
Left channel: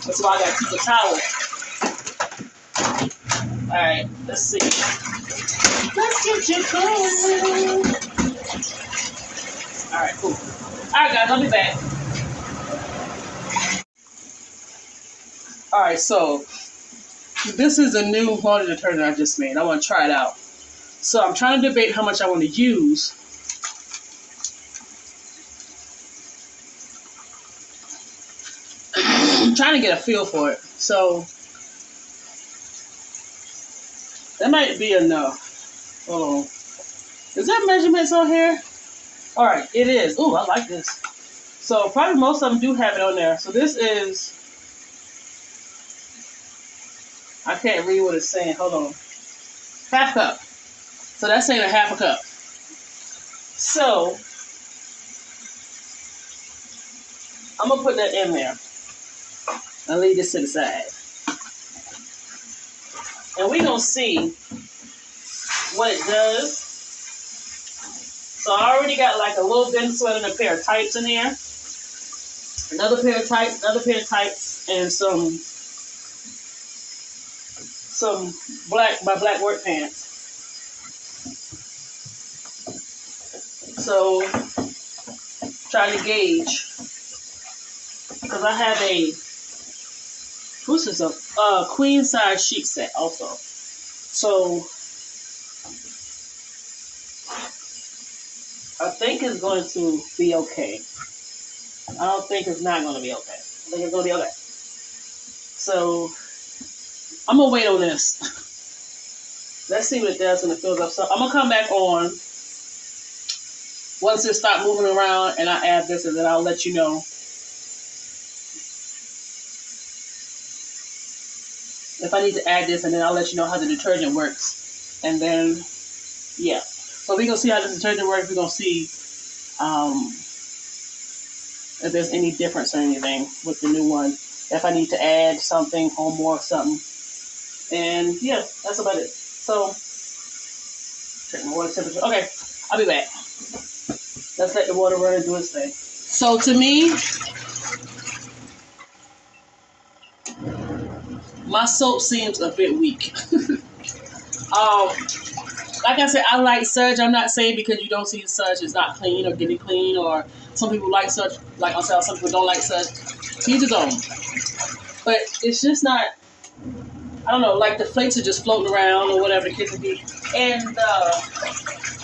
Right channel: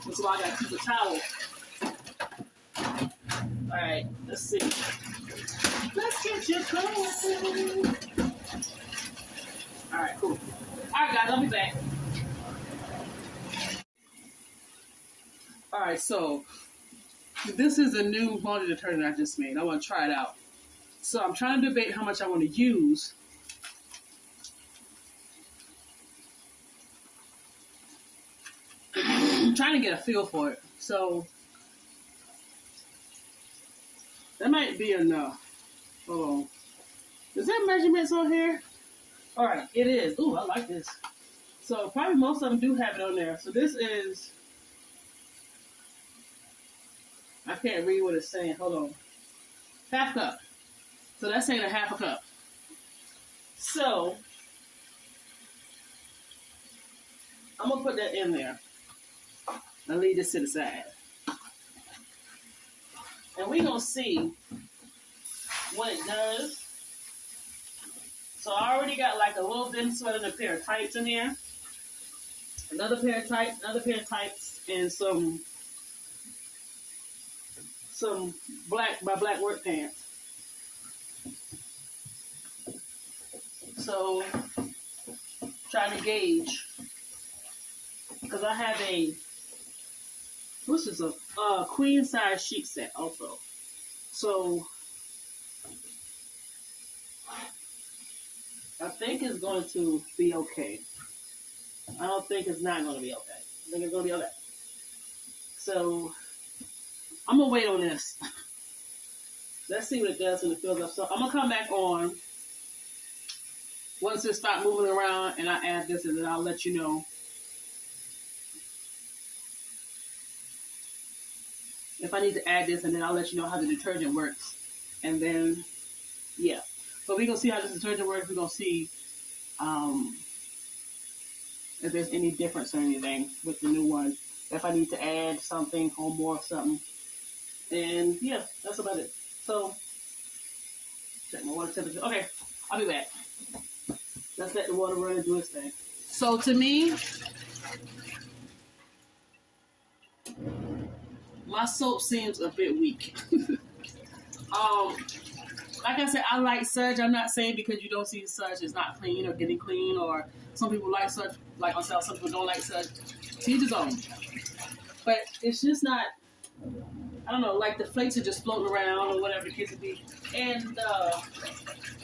That's why I got to keep a towel. All right, let's see. Let's get you going. All right, cool. All right, guys, I'll be back. All right, so this is a new laundry detergent I just made. I want to try it out. So I'm trying to debate how much I want to use. I'm trying to get a feel for it. So that might be enough. Hold on. Is there measurements on here? All right, it is. Ooh, I like this. So probably most of them do have it on there. So this is, I can't read what it's saying. Hold on. Half cup. So that's saying a half a cup. So I'm going to put that in there. I'll leave this to the side. And we're going to see what it does. So I already got like a little thin sweat and a pair of tights in here. Another pair of tights, and some my black work pants. So trying to gauge, because I have a queen size sheet set also. So I think it's going to be okay. I don't think it's not going to be okay. I think it's going to be okay. So I'm going to wait on this. Let's see what it does when it fills up. So I'm going to come back on once it stops moving around and I add this, and then I'll let you know if I need to add this, and then I'll let you know how the detergent works. And then, yeah. So we're going to see how this detergent works. We're going to see if there's any difference or anything with the new one. If I need to add something or more something. And yeah, that's about it. So, check my water temperature. Okay, I'll be back. Let's let the water run and do its thing. So to me, my soap seems a bit weak. Like I said, I like Surge. I'm not saying because you don't see Surge it's not clean or getting clean, or some people like Surge, like I said, some people don't like Surge. To each his own. But it's just not, I don't know, like the flakes are just floating around or whatever the case may be. And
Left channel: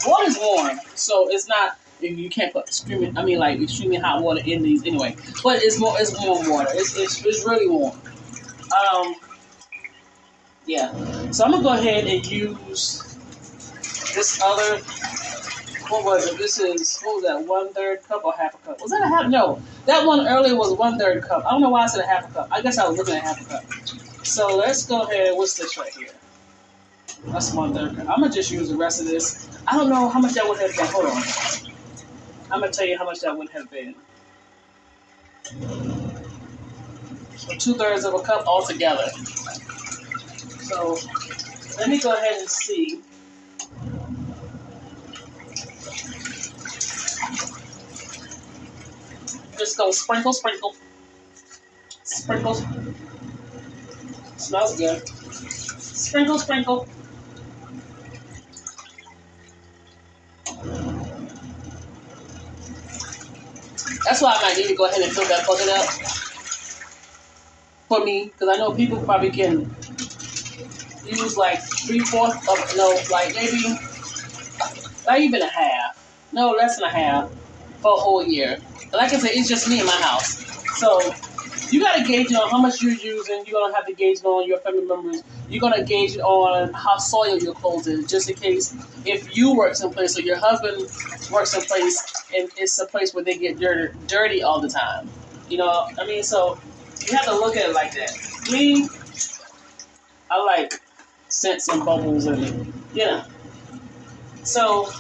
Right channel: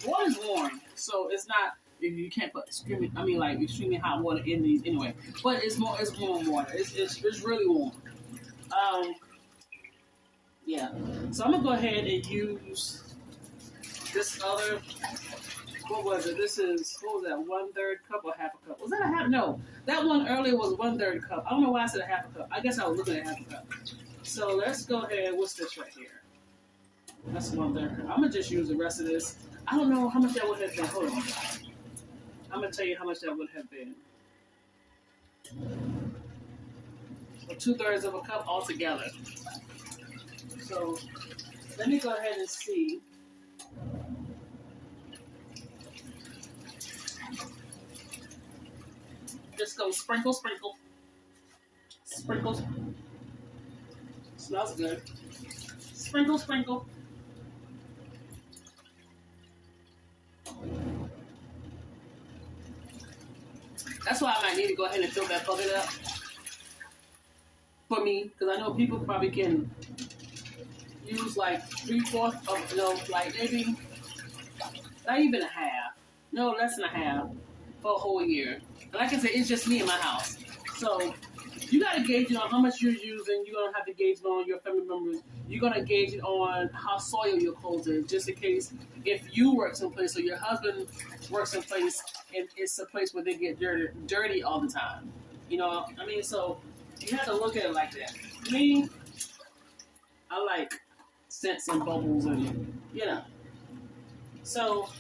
water's warm, so it's not, you can't put extremely hot water in these anyway. But it's warm water. It's really warm. Yeah. So I'm gonna go ahead and use this other, what was it? What was that, 1/3 cup or half a cup? Was that a half? No, that one earlier was 1/3 cup. I don't know why I said a half a cup. I guess I was looking at half a cup. So let's go ahead, what's this right here? That's 1/3 cup. I'm gonna just use the rest of this. I don't know how much that would have been. Hold on. I'm gonna tell you how much that would have been. So 2/3 of a cup altogether. So let me go ahead and see. Just go sprinkle. Sprinkles. Smells good. Sprinkle. That's why I might need to go ahead and fill that bucket up for me, because I know people probably can use like 3/4 of, no, like maybe not even a half. No, less than a half for a whole year. But like I said, it's just me in my house. So you got to gauge it on how much you're using. You're going to have to gauge it on your family members. You're going to gauge it on how soiled your clothes is, just in case if you work someplace or your husband works someplace and it's a place where they get dirty all the time. You know, I mean, so you have to look at it like that. Me, I like scents and bubbles and, you know. So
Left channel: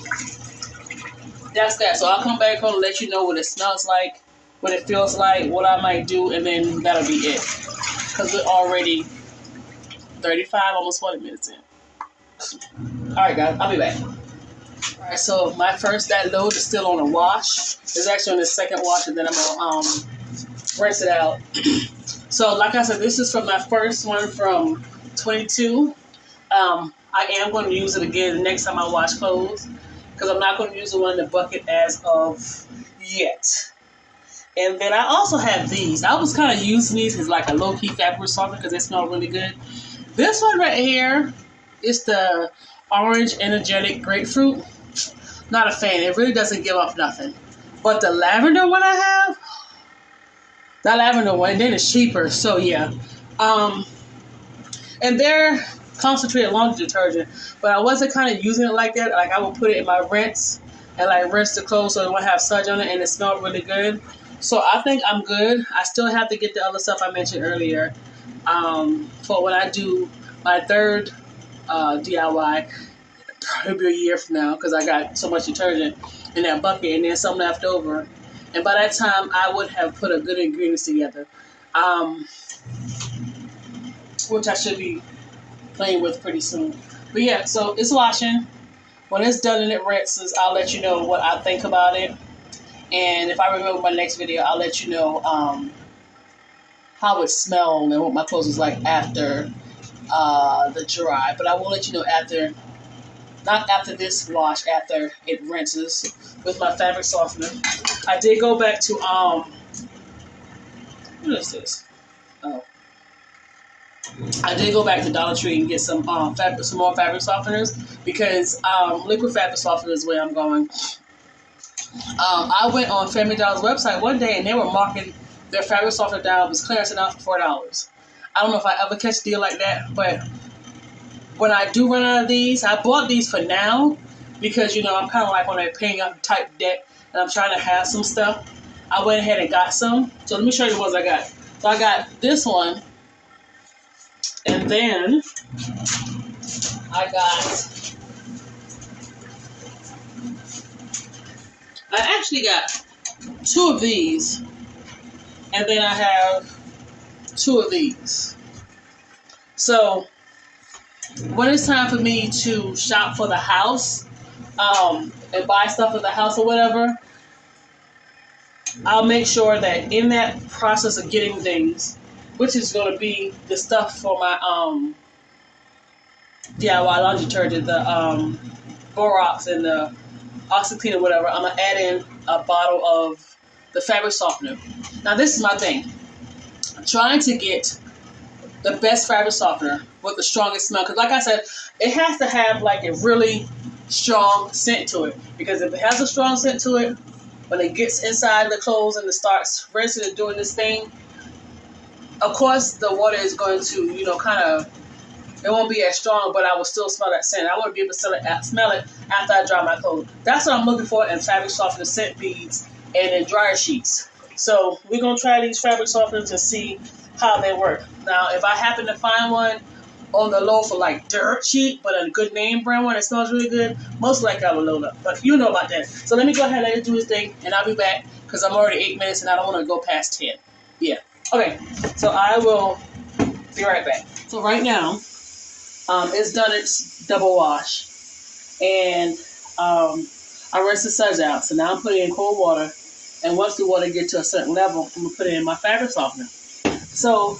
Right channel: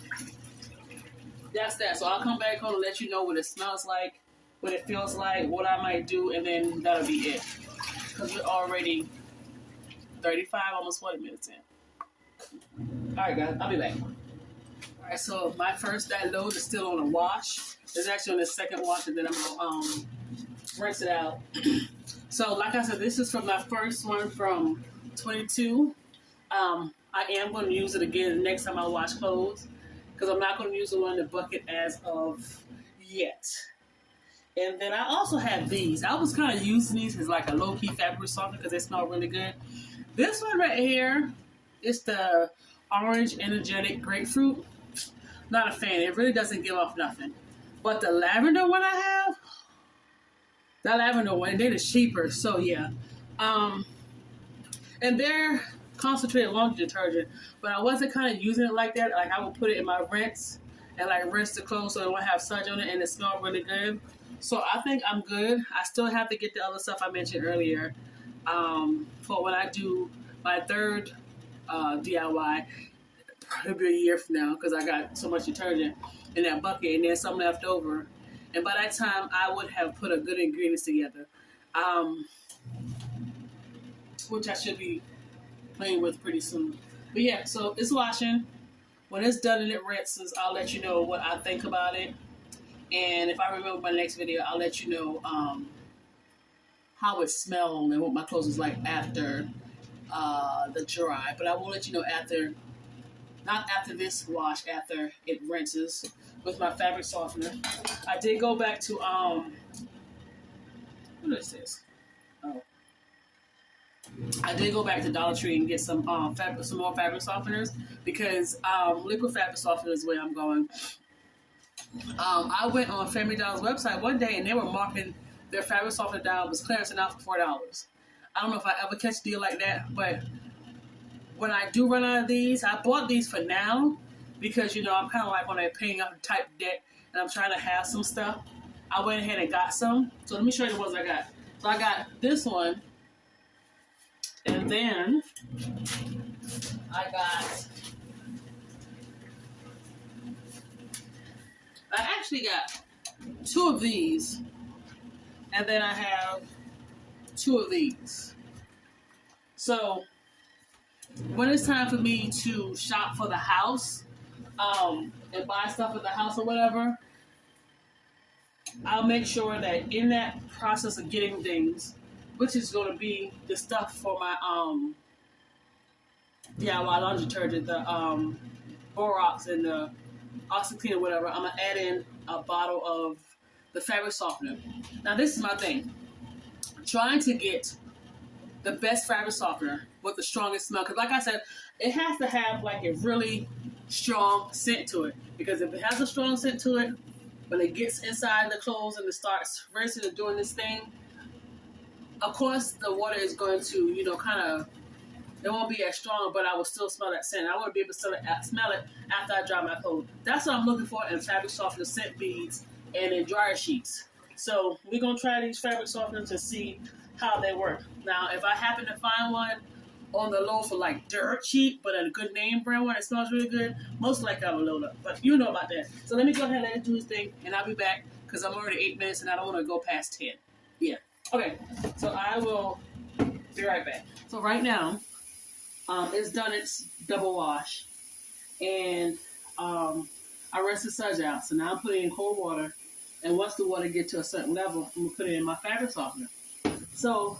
that's that. So I'll come back home and let you know what it smells like, what it feels like, what I might do, and then that'll be it. Because we're already 35, almost 40 minutes in. All right, guys, I'll be back. All right, so that load is still on a wash. It's actually on the second wash, and then I'm gonna rinse it out. So, like I said, this is from my first one from 22. I am going to use it again the next time I wash clothes, because I'm not going to use the one in the bucket as of yet. And then I also have these. I was kind of using these as like a low-key fabric softener because they smell really good. This one right here is the Orange Energetic Grapefruit. Not a fan. It really doesn't give off nothing. But the lavender one I have, that lavender one, and then it's cheaper. So yeah. And they're concentrated laundry detergent, but I wasn't kind of using it like that. Like I would put it in my rinse and like rinse the clothes so it won't have sludge on it, and it smelled really good. So I think I'm good. I still have to get the other stuff I mentioned earlier for when I do my third DIY. It'll be a year from now because I got so much detergent in that bucket and then some left over. And by that time, I would have put a good ingredients together, which I should be playing with pretty soon. But yeah, so it's washing. When it's done and it rinses, I'll let you know what I think about it. And if I remember my next video, I'll let you know how it smelled and what my clothes was like after the dry. But I will let you know after, not after this wash, after it rinses with my fabric softener. I did go back to, what is this? Oh. I did go back to Dollar Tree and get some more fabric softeners because liquid fabric softener is where I'm going. I went on Family Dollar's website one day and they were marking their fabric softener down, was clearancing out for $4. I don't know if I ever catch a deal like that, but when I do run out of these, I bought these for now because, you know, I'm kind of like on a paying up type debt and I'm trying to have some stuff. I went ahead and got some. So let me show you the ones I got. So I got this one. And then I actually got two of these. And then I have 2 of these. So when it's time for me to shop for the house, and buy stuff for the house or whatever, I'll make sure that in that process of getting things, which is going to be the stuff for my DIY laundry detergent, the Borax and the OxyClean or whatever, I'm going to add in a bottle of the fabric softener. Now this is my thing. I'm trying to get the best fabric softener with the strongest smell. Because like I said, it has to have like a really strong scent to it. Because if it has a strong scent to it, when it gets inside the clothes and it starts rinsing and doing this thing, of course the water is going to, you know, kind of, it won't be as strong, but I will still smell that scent. I want to be able to smell it after I dry my clothes. That's what I'm looking for in fabric softener, scent beads, and in dryer sheets. So we're going to try these fabric softeners and see how they work. Now, if I happen to find one on the low for like dirt cheap, but a good name brand one that smells really good, most likely I will load up. But you know about that. So let me go ahead and let it do its thing, and I'll be back because I'm already 8 minutes and I don't want to go past 10. Yeah. Okay. So I will be right back. So right now, it's done its double wash, and I rinsed the suds out. So now I'm putting in cold water, and once the water gets to a certain level, I'm gonna put it in my fabric softener. So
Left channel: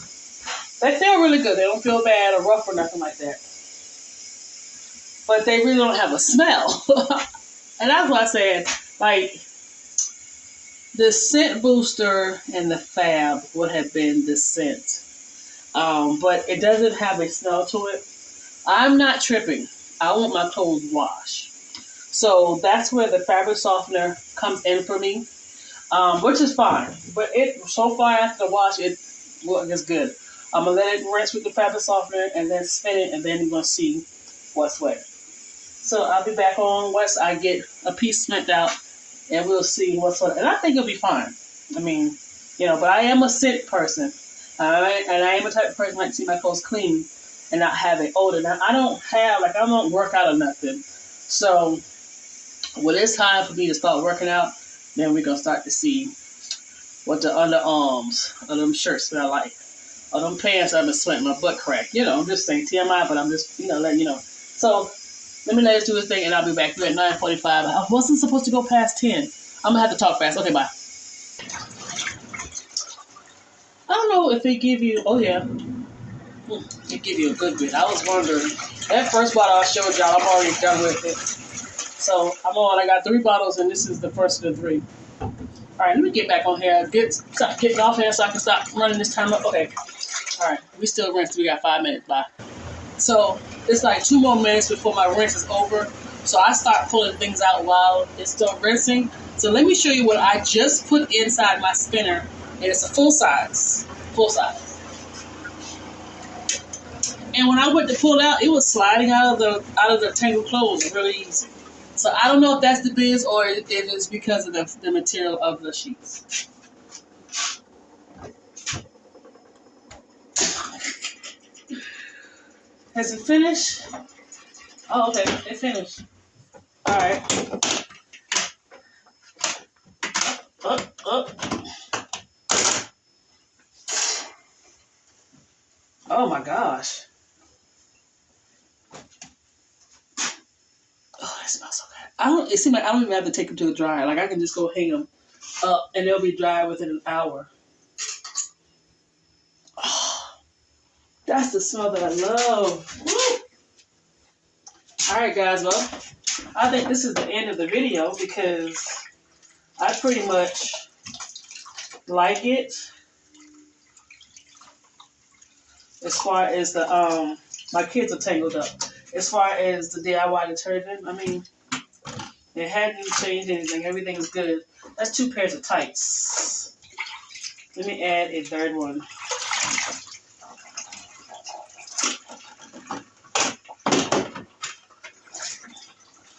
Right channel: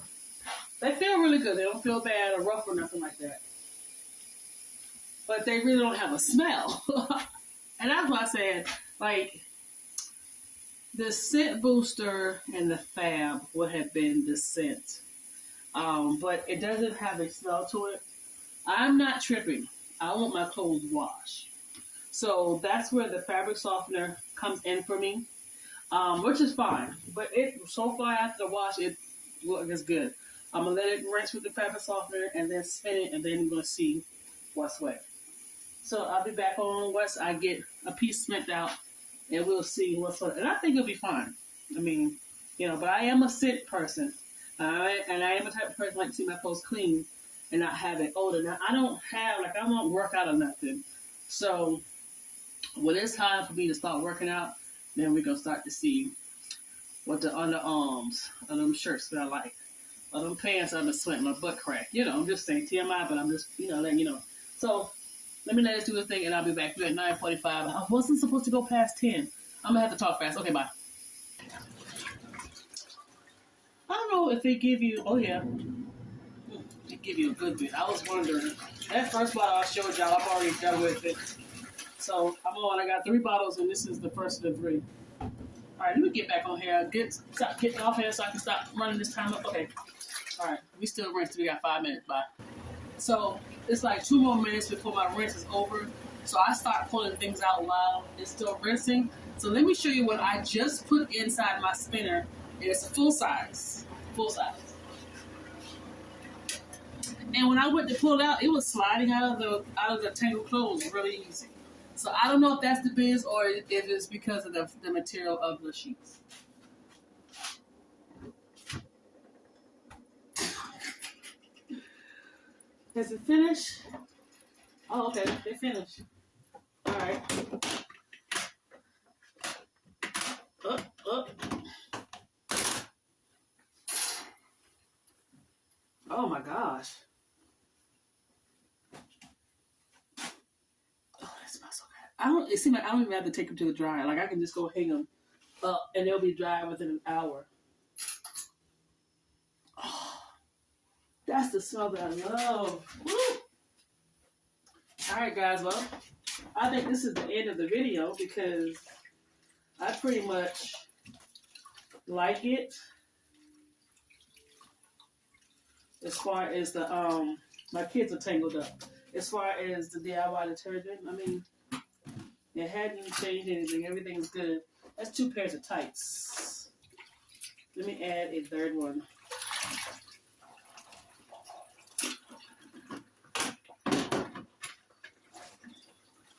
they feel really good. They don't feel bad or rough or nothing like that. But they really don't have a smell. And that's why I said, like, the scent booster and the fab would have been the scent. But it doesn't have a smell to it. I'm not tripping. I want my clothes washed. So that's where the fabric softener comes in for me, which is fine. But so far after the wash, it looks good. I'm going to let it rinse with the fabric softener and then spin it, and then you're going to see what's wet. So I'll be back on once I get a piece spent out, and we'll see what's what. And I think it'll be fine. I mean, you know, but I am a scent person. And I am a type of person who like to see my clothes clean and not have it odor. Now, I don't work out or nothing. So when it's time for me to start working out, then we're going to start to see what the underarms of them shirts smell like. Or them pants I've been sweating my butt crack. You know, I'm just saying TMI, but I'm just, letting you know. So let me let us do this thing, and I'll be back. We're at 9:45. I wasn't supposed to go past 10. I'm going to have to talk fast. Okay, bye. I don't know if they give you, oh yeah, they give you a good bit. I was wondering. That first bottle I showed y'all, I'm already done with it. So I got 3 bottles, and this is the first of the 3. All right, let me get back on here. Stop getting off here so I can stop running this time up. Okay. All right, we still rinse. We got 5 minutes. Bye. So it's like 2 more minutes before my rinse is over. So I start pulling things out while it's still rinsing. So let me show you what I just put inside my spinner. And it's a full size. And when I went to pull it out, it was sliding out of the tangled clothes really easy. So I don't know if that's the biz or if it's because of the material of the sheets. Has it finished? Oh, okay, it finished. All right. Up. Oh my gosh. Oh, that smells so good. It seems like I don't even have to take them to the dryer. Like I can just go hang them up and they'll be dry within an hour. Oh, that's the smell that I love. Woo! All right, guys. Well, I think this is the end of the video because I pretty much like it. As far as the my kids are tangled up. As far as the DIY detergent, I mean, it hadn't changed anything. Everything is good. That's 2 pairs of tights. Let me add a 3rd one.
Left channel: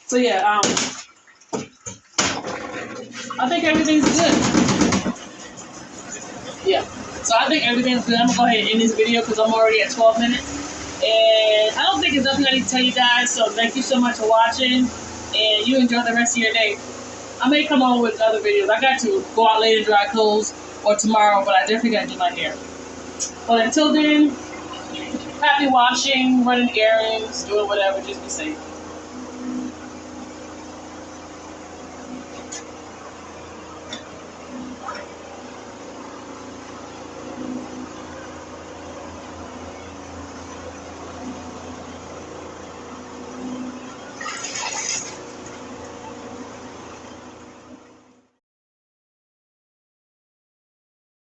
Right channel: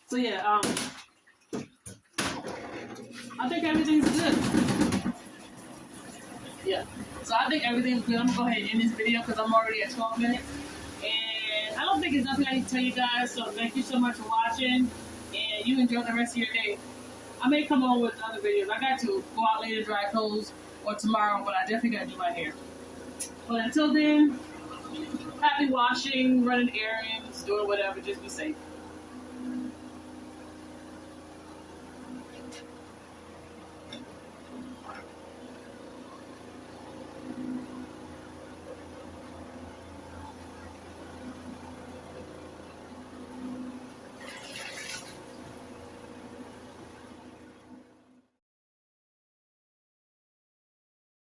So yeah, I think everything's good. Yeah. So I think everything's good. I'm going to go ahead and end this video because I'm already at 12 minutes. And I don't think there's nothing I need to tell you guys. So thank you so much for watching. And you enjoy the rest of your day. I may come on with other videos. I got to go out later and dry clothes. or tomorrow, but I definitely gotta do my hair. But until then, happy washing, running errands, doing whatever, just be safe.